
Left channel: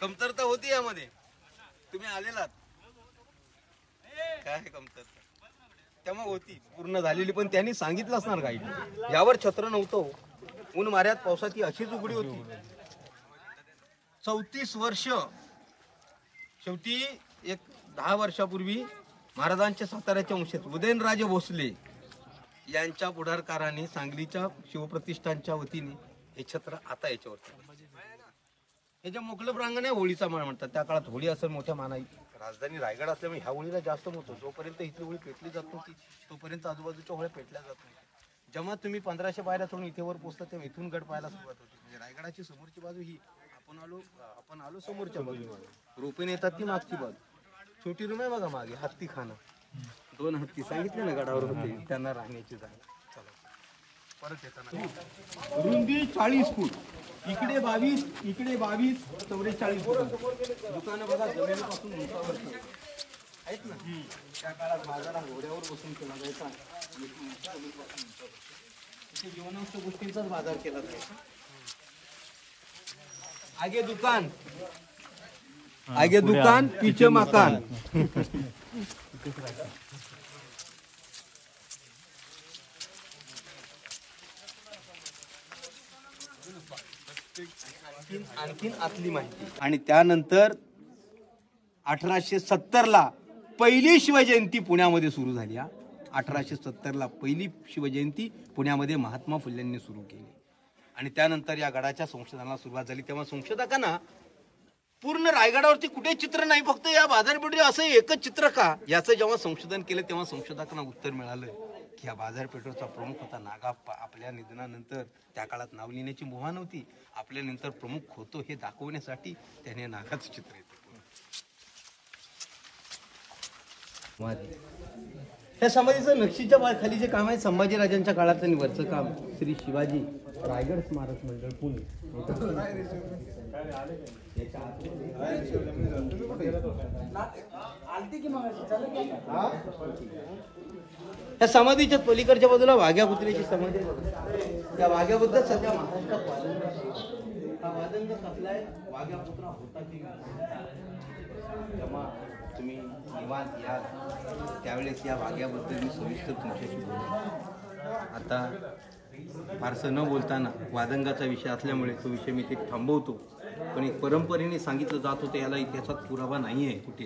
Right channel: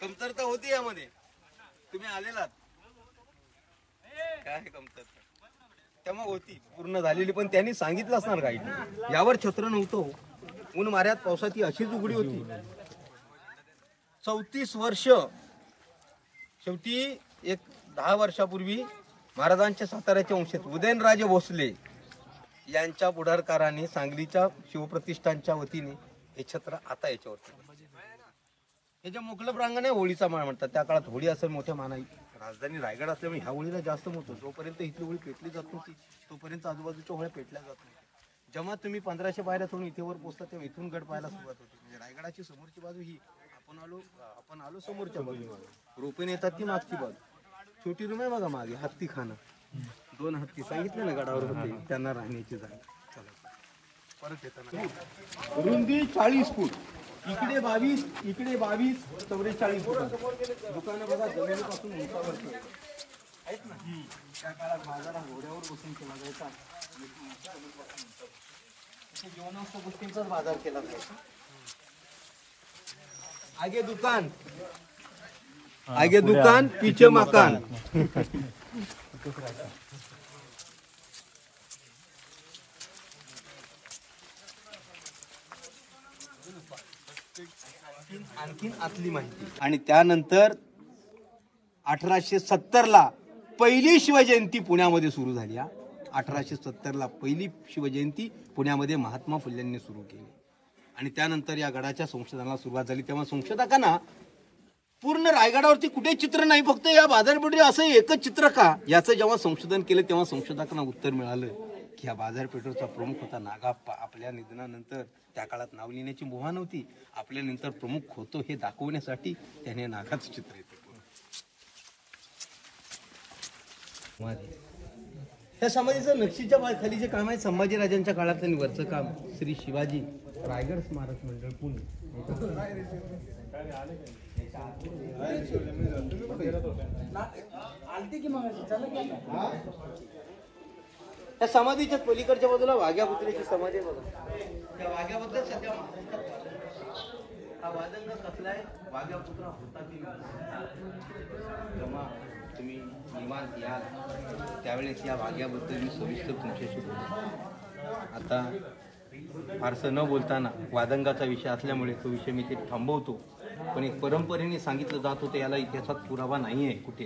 कमतरता होती यामध्ये. तुम्ही आलेलात काय कमतरता तेव्हा होती पूर्ण झालेली. पण त्यांनी सांगितलं असणार काही यावर छत्र नव्हतं. ऊन माऱ्यात पावसाची अशीच उघडी होती. 34 वर्ष शेवटी एक 10 वर्षापूर्वी महाराजांच्या साताऱ्याच्या वंशज उदयनराजे भोसले यांच्या पुढाकाराने सांगलीच्या शिवप्रतिष्ठानच्या वतीने हे छत्र आता याच्यावरती याच्या मोकळं प्रांगण आहे. होळीचा मान म्हणतात. त्या काळात होळी असेल मोठ्या मानाई. राजधानी रायगड असल्यामुळे ह्या होळीला जास्त मोठं. जोपर्यंत इथली होळी पेटली जात नव्हती तोपर्यंत आजूबाजूच्या होळ्या पेटल्या जात नव्हत्या. जेव्हा तुम्ही 1500 पायऱ्या सोडून इथे वर पोहोचता तेव्हा इथून गड पाहायला सुरुवात होती. म्हणजे रायगडाची समोरची बाजू ही आपण आलो समोरच्या बाजूला रोपेने येतात ती मागची बाजू. छोटी रूम आहे बघा मागे हत्ती खाणं. 2 हत्ती सांगितले ना गडावर होते त्यांना राहण्याची जागा. परत येताना रुंदी 40 फूट इकडे 22 इकडे 22 44 फूट. दुकानं बघा जमिनीपासून उंचावर आहेत ना. त्या काळात बाजारा घोड्यावर बसून केला जायचा. जीवनावश्यक गोष्टींचाच बाजार केला जायचा. आगे दुकान पीछे मकान. आणखीन आतली माहिती. आणि त्यानंतर 1870 पहिली शिवजयंती पुण्यामध्ये सुरू झाली. 1870 पहिली शिवजयंती पुण्यामध्ये महात्मा फुल्यांनी सुरू केली. आणि त्यानंतर या गडाच्या संशोधनाला सुरुवात झाली. तेव्हा संशोधकांना पूर्ण रायगडावरती कुठे चित्र नाही, फक्त या बाजारपेठेवर असं एकच चित्र का, याचं जेव्हा संशोधन केलं तेव्हा संशोधकांना उत्तर मिळालं की या बाजारपेठेचा प्रमुख होता नागाप्पा. आपल्या निधनानंतर त्या काळात नाव लिहिण्याची मुभा नव्हती. आपल्यानंतर प्रमुख होतो हे दाखवण्यासाठी त्याने नागाचं चित्र येते. या समाधीचं नक्षीच्या खाली जे काम आहे संभाजीराजांच्या काळातलं आणि वरचं काम श्री शिवाजी रायगड स्मारक मंडळ पुणे. या समाधीच्या पलीकडच्या बाजूला वाघ्या पुतळ्याची समाधी आहे बघा. त्या वाघ्याबद्दल सध्या महाराष्ट्रात वादंग कसला आहे, वाघ्या पुतळा होता की जेव्हा तुम्ही निवांत याल त्यावेळेस या वाघ्याबद्दल मी सविस्तर तुमच्याशी बोलेन. आता फारसं न बोलताना वादंगाचा विषय असल्यामुळे तो विषय मी ते थांबवतो. पण एक परंपरेने सांगितलं जात होतं, याला इतिहासात पुरावा नाही आहे कुठे,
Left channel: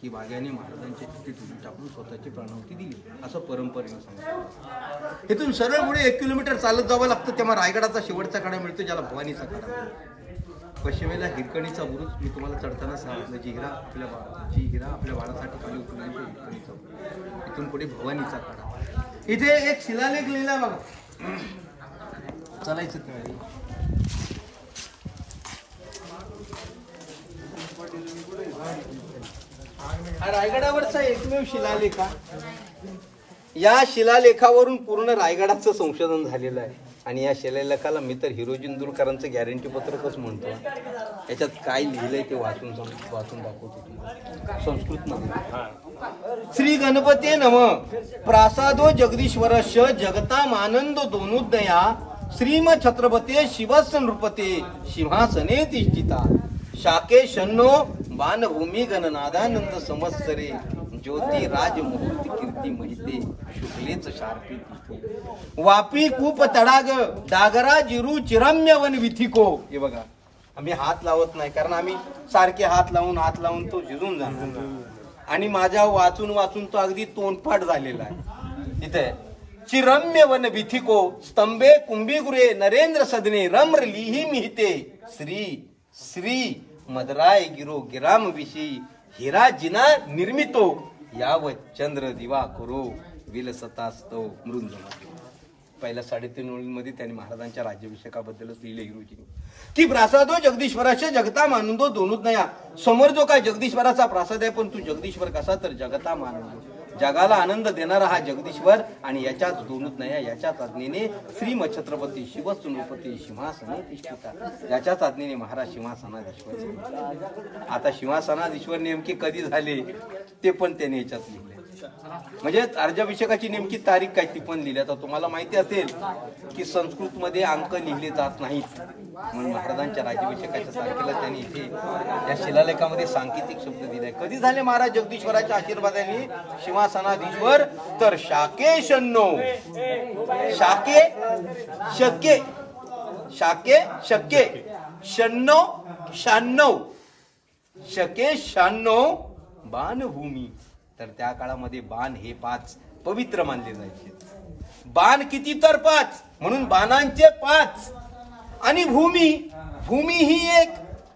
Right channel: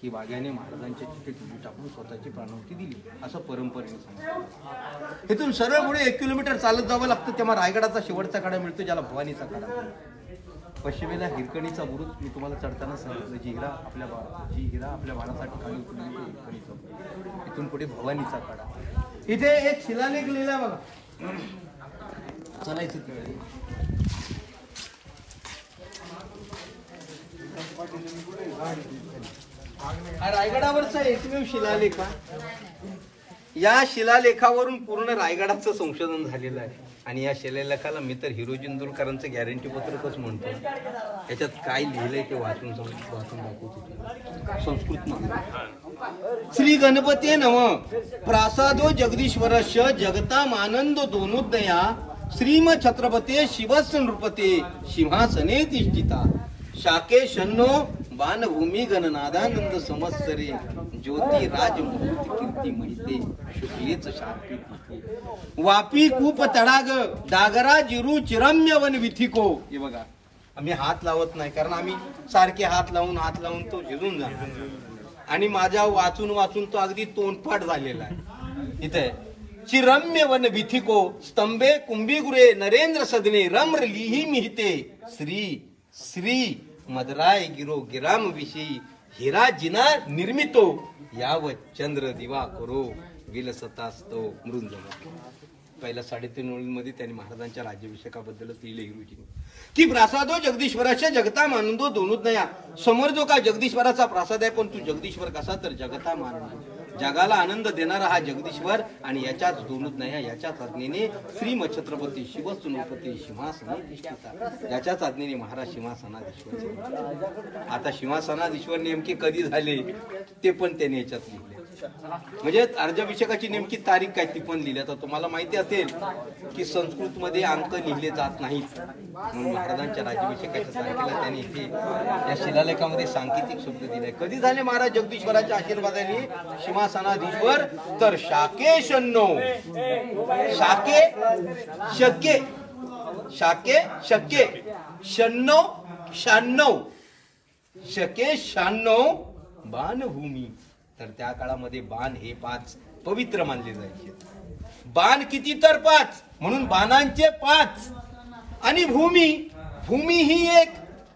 की वाघ्याने महाराजांच्या चिठ्ठीत उडी टाकून स्वतःची प्राणाहुती दिली असं परंपरेने सांगितलं. इथून सरळ पुढे 1 किलोमीटर चालत जावं लागतं. तेव्हा रायगडाचा शेवटचा कडा मिळतो ज्याला भवानीचा कडा. पश्चिमेला हिरकणीचा बुरुज मी तुम्हाला चढताना सांगितलं. जी हिरा आपल्या बाळासाठी काढली होती हिरकणीचा बुरुज. इथून पुढे भवानीचा कडा. इथे एक शिलालेख लिहिला बघा. चालायचं तिकडे. हा रायगडावरचा एकमेव शिलालेख. या शिलालेखावरून पूर्ण रायगडाचं संशोधन झालेलं आहे. आणि या शिलालेखाला मी तर हिरोजी इंदुरकरांचं गॅरंटी पत्रकच म्हणतो. याच्यात काय लिहिलंय ते वाचून दाखवतो. संस्कृत नाम श्री गणपती नम प्रासादो जगदीश्वरस्य जगतामानंद दोनुदया श्रीम छत्रपते शिवस्य नृपते सिंहासने तिष्ठिता शाके शन्नो बाणभूमी गणनादानंद संवत्सरे ज्योती राज मुहूर्त कीर्ती महिते शुक्लेच शार्पी तिथे वापी कूप तडाग डागरा जिरू चिरम्य वन विथिको. हे बघा, आम्ही हात लावत नाही कारण आम्ही सारखे हात लावून तो झिजून जाणार. आणि माझ्या वाचून तो अगदी तोंडपाठ झालेला आहे. इथे चिरम्य वन विथिको स्तंभे कुंभीगुरे नरेंद्र सदने रम्र लिही मिहिते श्री मदराय गिरो गिराम विषयी हिरा जिना निर्मितो याव चंद्र दिवा करो विलसतास्तो मृंजमा. पहिल्या 3.5 ओळींमध्ये त्यांनी महाराजांच्या राज्याभिषेकाबद्दलच लिहिले हिरोजीने की प्रासादो जगदीश्वराच्या जगता मानंदो दोनुदया. समोर जो काय जगदीश्वराचा प्रासाद आहे, पण तू जगदीश्वर कसा तर जगता मानंदो, जगाला आनंद देणारा हा जगदीश्वर. आणि याच्याच दोनुदया याच्याच आज्ञेने श्रीम छत्रपती शिवस्य नृपते सिंहासने तिष्ठिता. याच्याच आज्ञेने महाराज सिंहासनाधीश्वर. आता सिंहासनाधीश्वर नेमके कधी झाले ते पण त्याने याच्यात लिहिले. म्हणजे राज्याभिषेकाची नेमकी तारीख काय ती पण लिहिली. आता तुम्हाला माहिती असेल की संस्कृत मध्ये अंक लिहिले जात नाहीत, म्हणून महाराजांच्या राज्याभिषेकाच्या तारखेला त्यांनी इथे या शिलालेखामध्ये सांकेतिक शब्द दिलाय. कधी झाले महाराज जगदीश्वराच्या आशीर्वादाने सिंहासनाधीश्वर तर शाके शन्नो शके शन्नो 96 बाणभूमी. तर त्या काळामध्ये बाण हे 5 पवित्र मानले जायचे. बाण किती तर 5, म्हणून बाणांचे 5. आणि भूमी ही 1,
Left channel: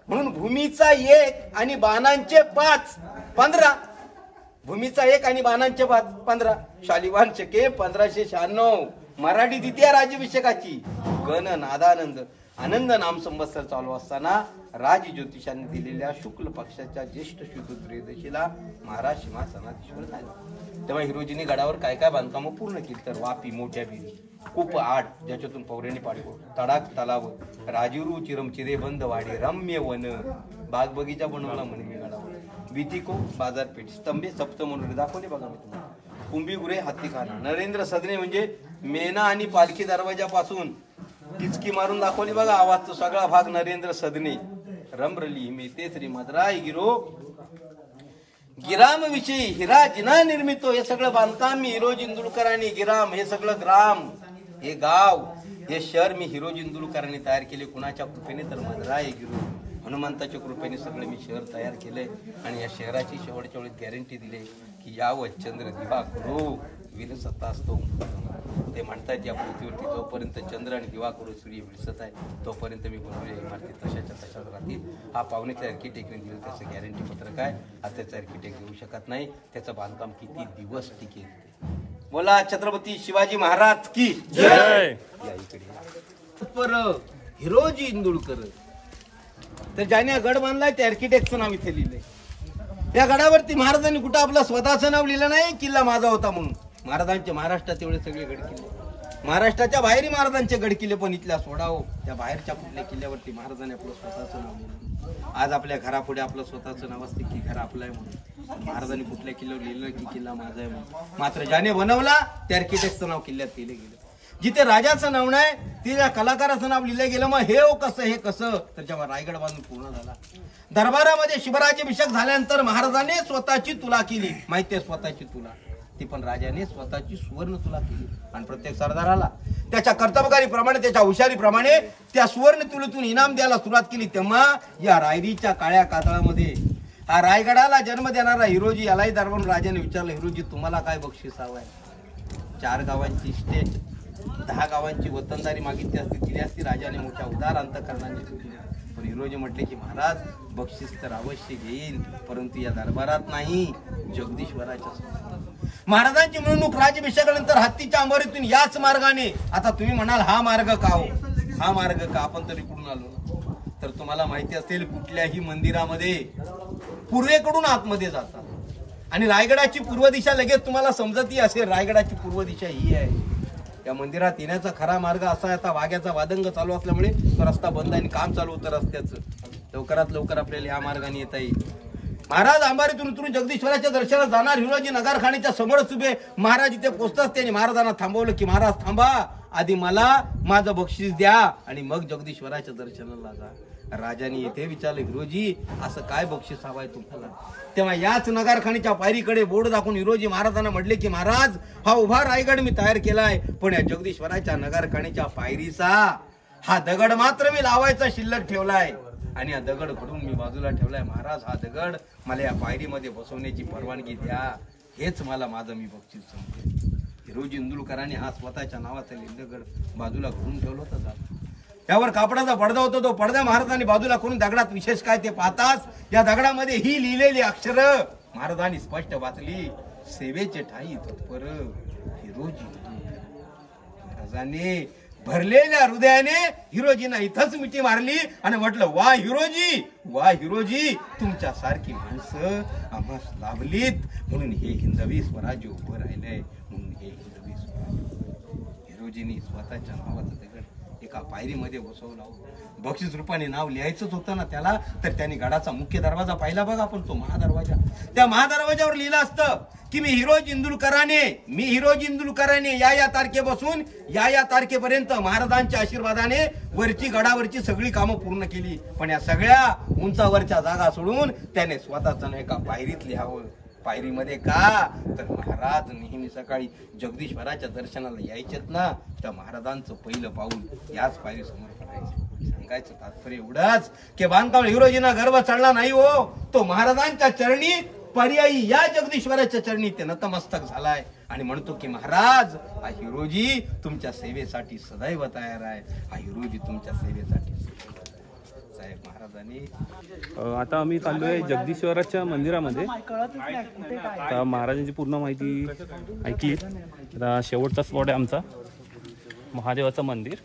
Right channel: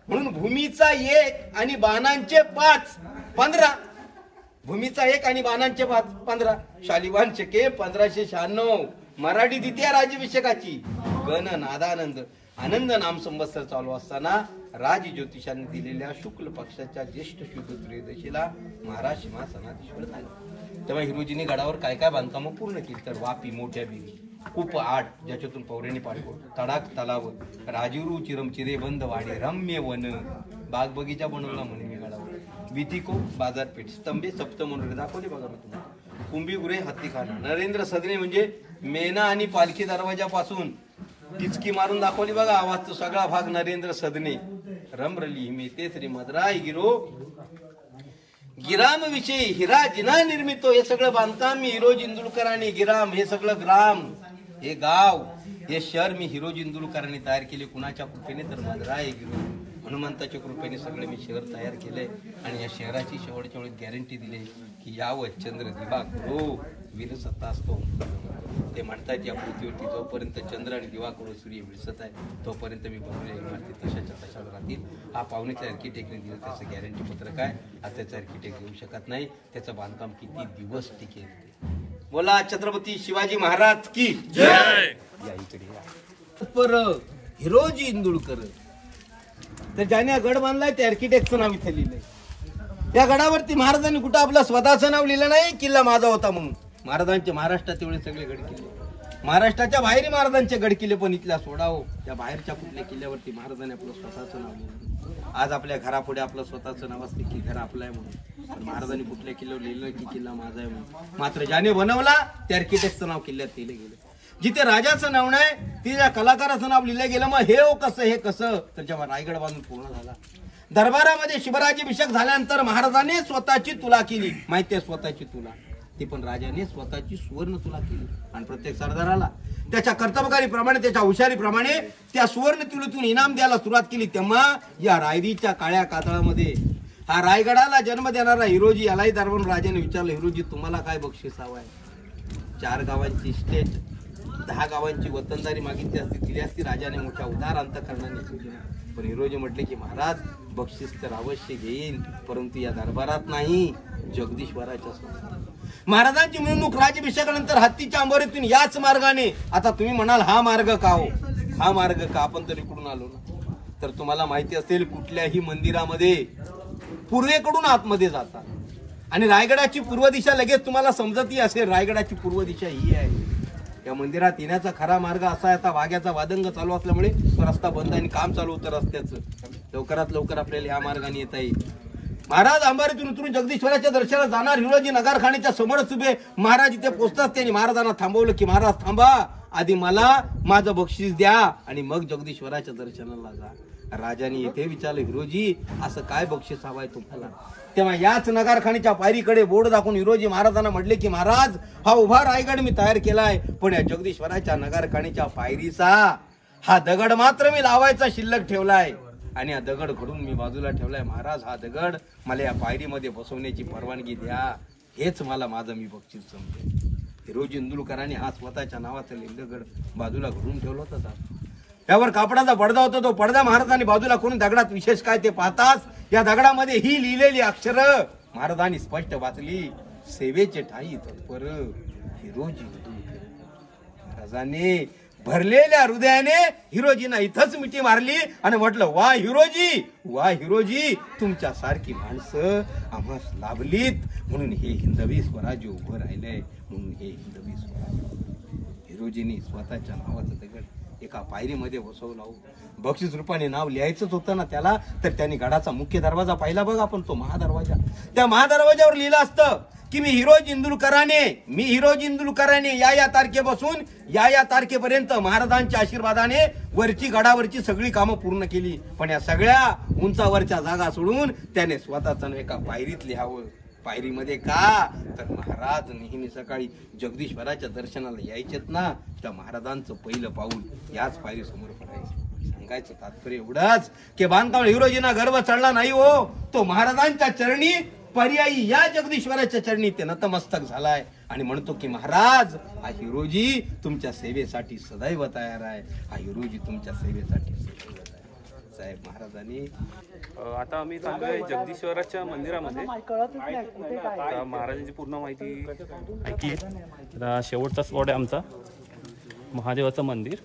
म्हणून भूमीचा 1 आणि बाणांचे 5 15. भूमीचा 1 आणि बाणांचे 5 15. शालिवान शके 1596. मराठी द्वितीय राज्याभिषेकाची गण नादानंद आनंद नाम संवत्सर चालू असताना राज ज्योतिषांनी दिलेल्या शुक्ल पक्षाच्या ज्येष्ठ शुभ त्रयोदशीला महाराज सिंहासनाधीश्वर झाले. तेव्हा हिरोजीने गडावर काय काय बांधकामं पूर्ण केली. तर वापी मोठ्या बिरी, कूप 8 ज्याच्यातून पौर्याने पाठवू, तडाख तलाव, राजिरू चिरमचिरे बंद वाडे, रम्य वन, बाग बगीचा बनवला म्हणे मी गडावर. विथिको बाजारपेठ, स्तंभे सप्तमंडळे दाखवले बघा मी तुम्हाला. कुंभीगुरे हत्तीखाना. नरेंद्र सदने म्हणजे मेना आणि पालखी दरवाजापासून टिचकी मारून दाखवली बघा आवाज, तो सगळा भाग नरेंद्र सदने. रमरली मेते श्री मद्राई गिरो गिराम विषयी हिरा जिना निर्मितो. हे सगळं बांधकाम मी हिरोज इंदुलकरांनी, गिराम हे सगळं ग्राम, हे गाव, हे शहर मी हिरोज इंदुलकरांनी तयार केले. कुणाच्या कृपेने तर मद्राई गिरो हनुमंताच्या कृपेने सगळं मी शहर तयार केले. आणि या शहराची शेवटच्या वेळी गॅरंटी दिली की यावं चंद्र दिवा करू विन सत्ता असतो. ते म्हणतात या पृथ्वीवरती जोपर्यंत चंद्र आणि दिवा करू सूर्य विसत आहे तोपर्यंत मी बनवलेल्या इमारती तशाच्या तशाच राहतील. हा पाहुण्याच्या आर्किटेक्टने दिलं त्याचं गॅरंटी पत्रक आहे. आज त्याचं आर्किटेक्ट येऊ शकत नाही. त्याचं बांधकाम किती दिवस टिकेल. बोला छत्रपती शिवाजी महाराज की जय. या इकडे या. पर हिरोजी इंदुलकर तर ज्याने गड बांधलाय त्या आर्किटेक्टचं नाव इथे लिहिलंय. त्या गडावरती महाराजांनी कुठं आपलं स्वतःचं नाव लिहिलं नाही, किल्ला माझा होता म्हणून. महाराजांचे महाराष्ट्रात एवढे सगळे गड किल्ले, महाराष्ट्राच्या बाहेरही महाराजांचे गड किल्ले, पण इथल्या सोडावं त्या बाहेरच्या कुठल्या किल्ल्यावरती महाराजांनी आपलं स्वतःचं नाव लिहिलं. आज आपल्या घरापुढे आपलं स्वतःचं नाव असते की घर आपलं आहे म्हणून, पण महाराजांनी कुठल्या किल्ल्यावर लिहिलं की किल्ला माझा आहे म्हणून. मात्र ज्याने बनवला त्या आर्किटेक्टचं नाव किल्ल्यात लिहिलं गेलं. जिथे राजाचं नाव नाही तिथे कलाकाराचं नाव लिहिलं गेलं. मग हे कसं, हे कसं, तर जेव्हा रायगड बांधून पूर्ण झाला, दरबारामध्ये शिवराज्याभिषेक झाल्यानंतर महाराजांनी स्वतःची तुला केली. माहिती आहे स्वतःची तुला, ती पण राजाने स्वतःची सुवर्ण तुला केली. आणि प्रत्येक सरदाराला त्याच्या कर्तबगारीप्रमाणे, त्याच्या हुशारीप्रमाणे त्या सुवर्ण तुलीतून इनाम द्यायला सुरुवात केली. तेव्हा या रायरीच्या काळ्या कातळामध्ये हा रायगडाला जन्म देणारा हिरोजी यालाही दरबारून राजाने विचारलं, हिरोजी तुम्हाला काय बक्षीस हवं आहे? 4 गावांची इस्टेट, 10 गावांची वतनदारी मागितली असती, दिली असती. राजाने मोठ्या उदार अंतकरणाने दिली. पण हिरोजी म्हटले की महाराज बक्षीस तर अवश्य घेईन, परंतु या दरबारात नाही, जगदीश्वराच्या समोर. महाराजांची मिरवणूक राज्याभिषेकानंतर हत्तीच्या अंबारीतून याच मार्गाने. आता तुम्ही म्हणाल हा मार्ग का हो, हा मार्ग का, आपण तर इकडून आलो ना. तर तुम्हाला माहिती असेल कुठल्याही मंदिरामध्ये पूर्वेकडून आतमध्ये जातात. आणि रायगडाची पूर्व दिशा लगेच तुम्हाला समजती असेल, रायगडाची पूर्व दिशा ही आहे. या मंदिरात येण्याचा खरा मार्ग असा आहे, आता वाघ्याचा वादंग चालू असल्यामुळे तो रस्ता बंद आणि काम चालू होतं रस्त्याचं. लवकरात लवकर आपल्याला या मार्गाने येता येईल. महाराज अंबारीतून उतरून जगदीश्वराच्या दर्शनाला जाणार. हिरोजी नगरखाणीच्या समोरच उभे. महाराज इथे पोहोचताच त्यांनी महाराजांना थांबवलं की महाराज थांबा, आधी मला माझं बक्षीस द्या आणि मग जगदीश्वराच्या दर्शनाला जा. राजाने इथे विचारलं, हिरोजी असं काय बक्षीस हवाय तुम्हाला? तेव्हा याच नगरखाणीच्या पायरीकडे बोर्ड दाखवून हिरोजी महाराजांना म्हटले की महाराज हा उभा रायगड मी तयार केलाय, पण या जगदीश्वराच्या नगरखाणीच्या पायरीचा हा दगड मात्र मी लावायचा शिल्लक ठेवलाय आणि हा दगड घडून मी बाजूला ठेवलाय. महाराज हा दगड मला या पायरीमध्ये बसवण्याची परवानगी द्या, हेच मला माझं मी बक्षीस समजेल. हिरोजी इंदुलकरांनी हा स्वतःच्या नावाचा दगड बाजूला घडून ठेवला होता. त्यावर कापडाचा पडदा होता. तो पडदा महाराजांनी बाजूला करून दगडात विशेष काय ते पाहताच या दगडामध्ये ही लिहिलेली अक्षर महाराजांनी स्पष्ट वाचली, सेवेचे ठाई तत्पर हिरोजी इंदुलकर. महाराजांनी भरलेल्या हृदयाने हिरोजींना इथंच मिठी मारली आणि म्हटलं, वा हिरोजी, वा हिरोजी, तुमच्या सारखी माणसं आम्हास लाभलीत म्हणून हे हिंदवी स्वराज्य उभं राहिलंय, म्हणून हे हिंदवी स्वराज्य. हिरोजींनी स्वतःच्या नावाचं दगड एका पायरीमध्ये बसवला. बक्षीस रूपाने नाव लिहायचंच होतं ना त्याला, तर त्यांनी गडाचा मुख्य दरवाजा पाहिला बघा, पण तो महादरवाजा. त्या महादरवाजावर लिहिलं असतं की मी हिरोजी इंदुलकराने या तारखेपासून या तारखेपर्यंत महाराजांच्या आशीर्वादाने वरची गडावरची सगळी कामं पूर्ण केली. पण या सगळ्या उंचावरच्या जागा सोडून त्याने स्वतःच एका पायरीत लिहावं. पायरीमध्ये का, तर महाराज नेहमी सकाळी जगदीश्वराच्या दर्शनाला यायचेत ना, त्या महाराजांचं पहिलं पाऊल याच पायरी समोर पडायचं. सांगायचं तात्पर्य एवढंच की बांधकाम हिरोजींना गर्व चढला नाही हो, तो महाराजांच्या चरणी पर्यायी या जगदीश्वराच्या चरणी ते नतमस्तक झालाय आणि म्हणतो की महाराज हा हिरोजी तुमच्या सेवेसाठी सदैव तयार आहे, हा हिरोजी तुमच्या सेवेसाठी साहेब. महाराजांनी आता आम्ही चाललोय जगदीश्वराच्या मंदिरामध्ये. आता महाराजांची पूर्ण माहिती ऐकली. आता शेवटचा स्पॉट आहे आमचा महादेवाचं मंदिर.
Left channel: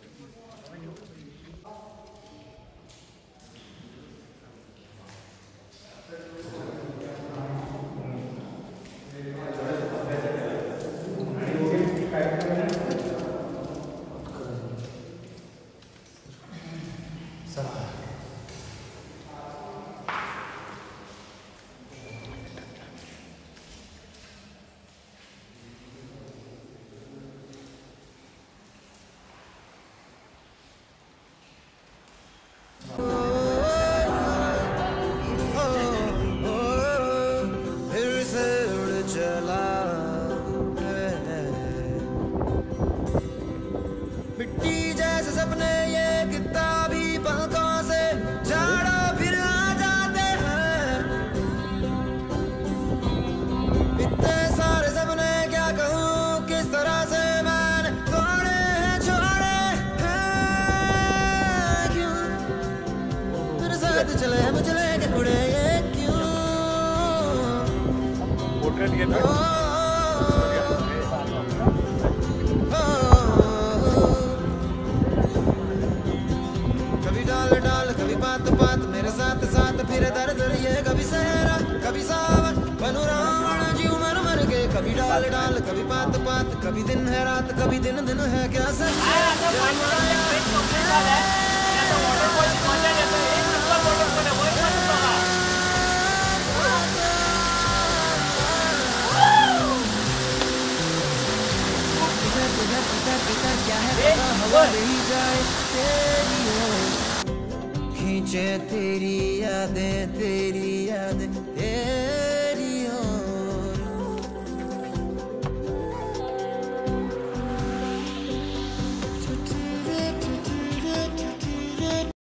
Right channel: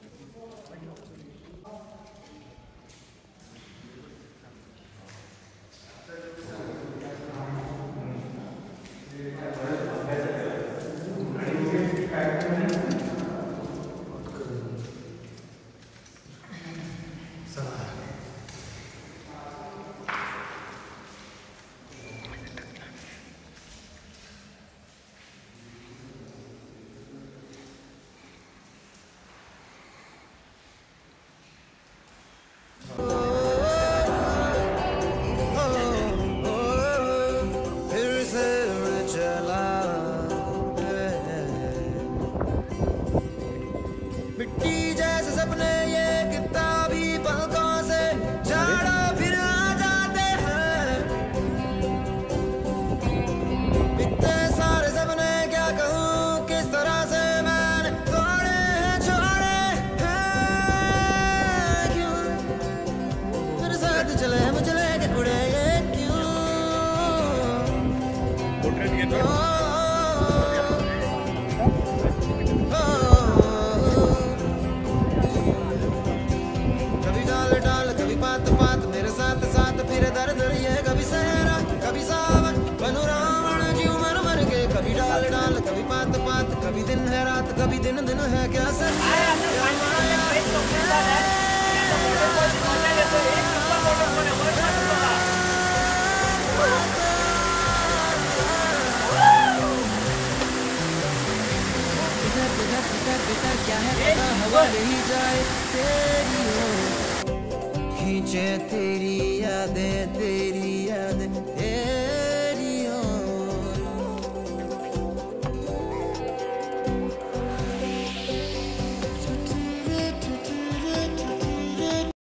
मिट्टी जैसे सपने ये किताबी पलकों से झाड़ा फिर आ जाते हैं। इतने सारे सपने क्या कहूँ किस तरह से मैंने तोड़े हैं छोड़े हैं। क्यों मेरे साथ चले मुझे लेके उड़े ये क्यों। कभी डाल डाल कभी पात पात मेरे साथ साथ फिर दर दर ये कभी सहरा कभी सावन बनू रावण जीव मर मर के। कभी डाल डाल कभी पात पात कभी दिन है रात कभी दिन दिन है क्या सच है क्या माया। पिता क्या है पता हवा नहीं जाए तेरी हो खींचे तेरी यादें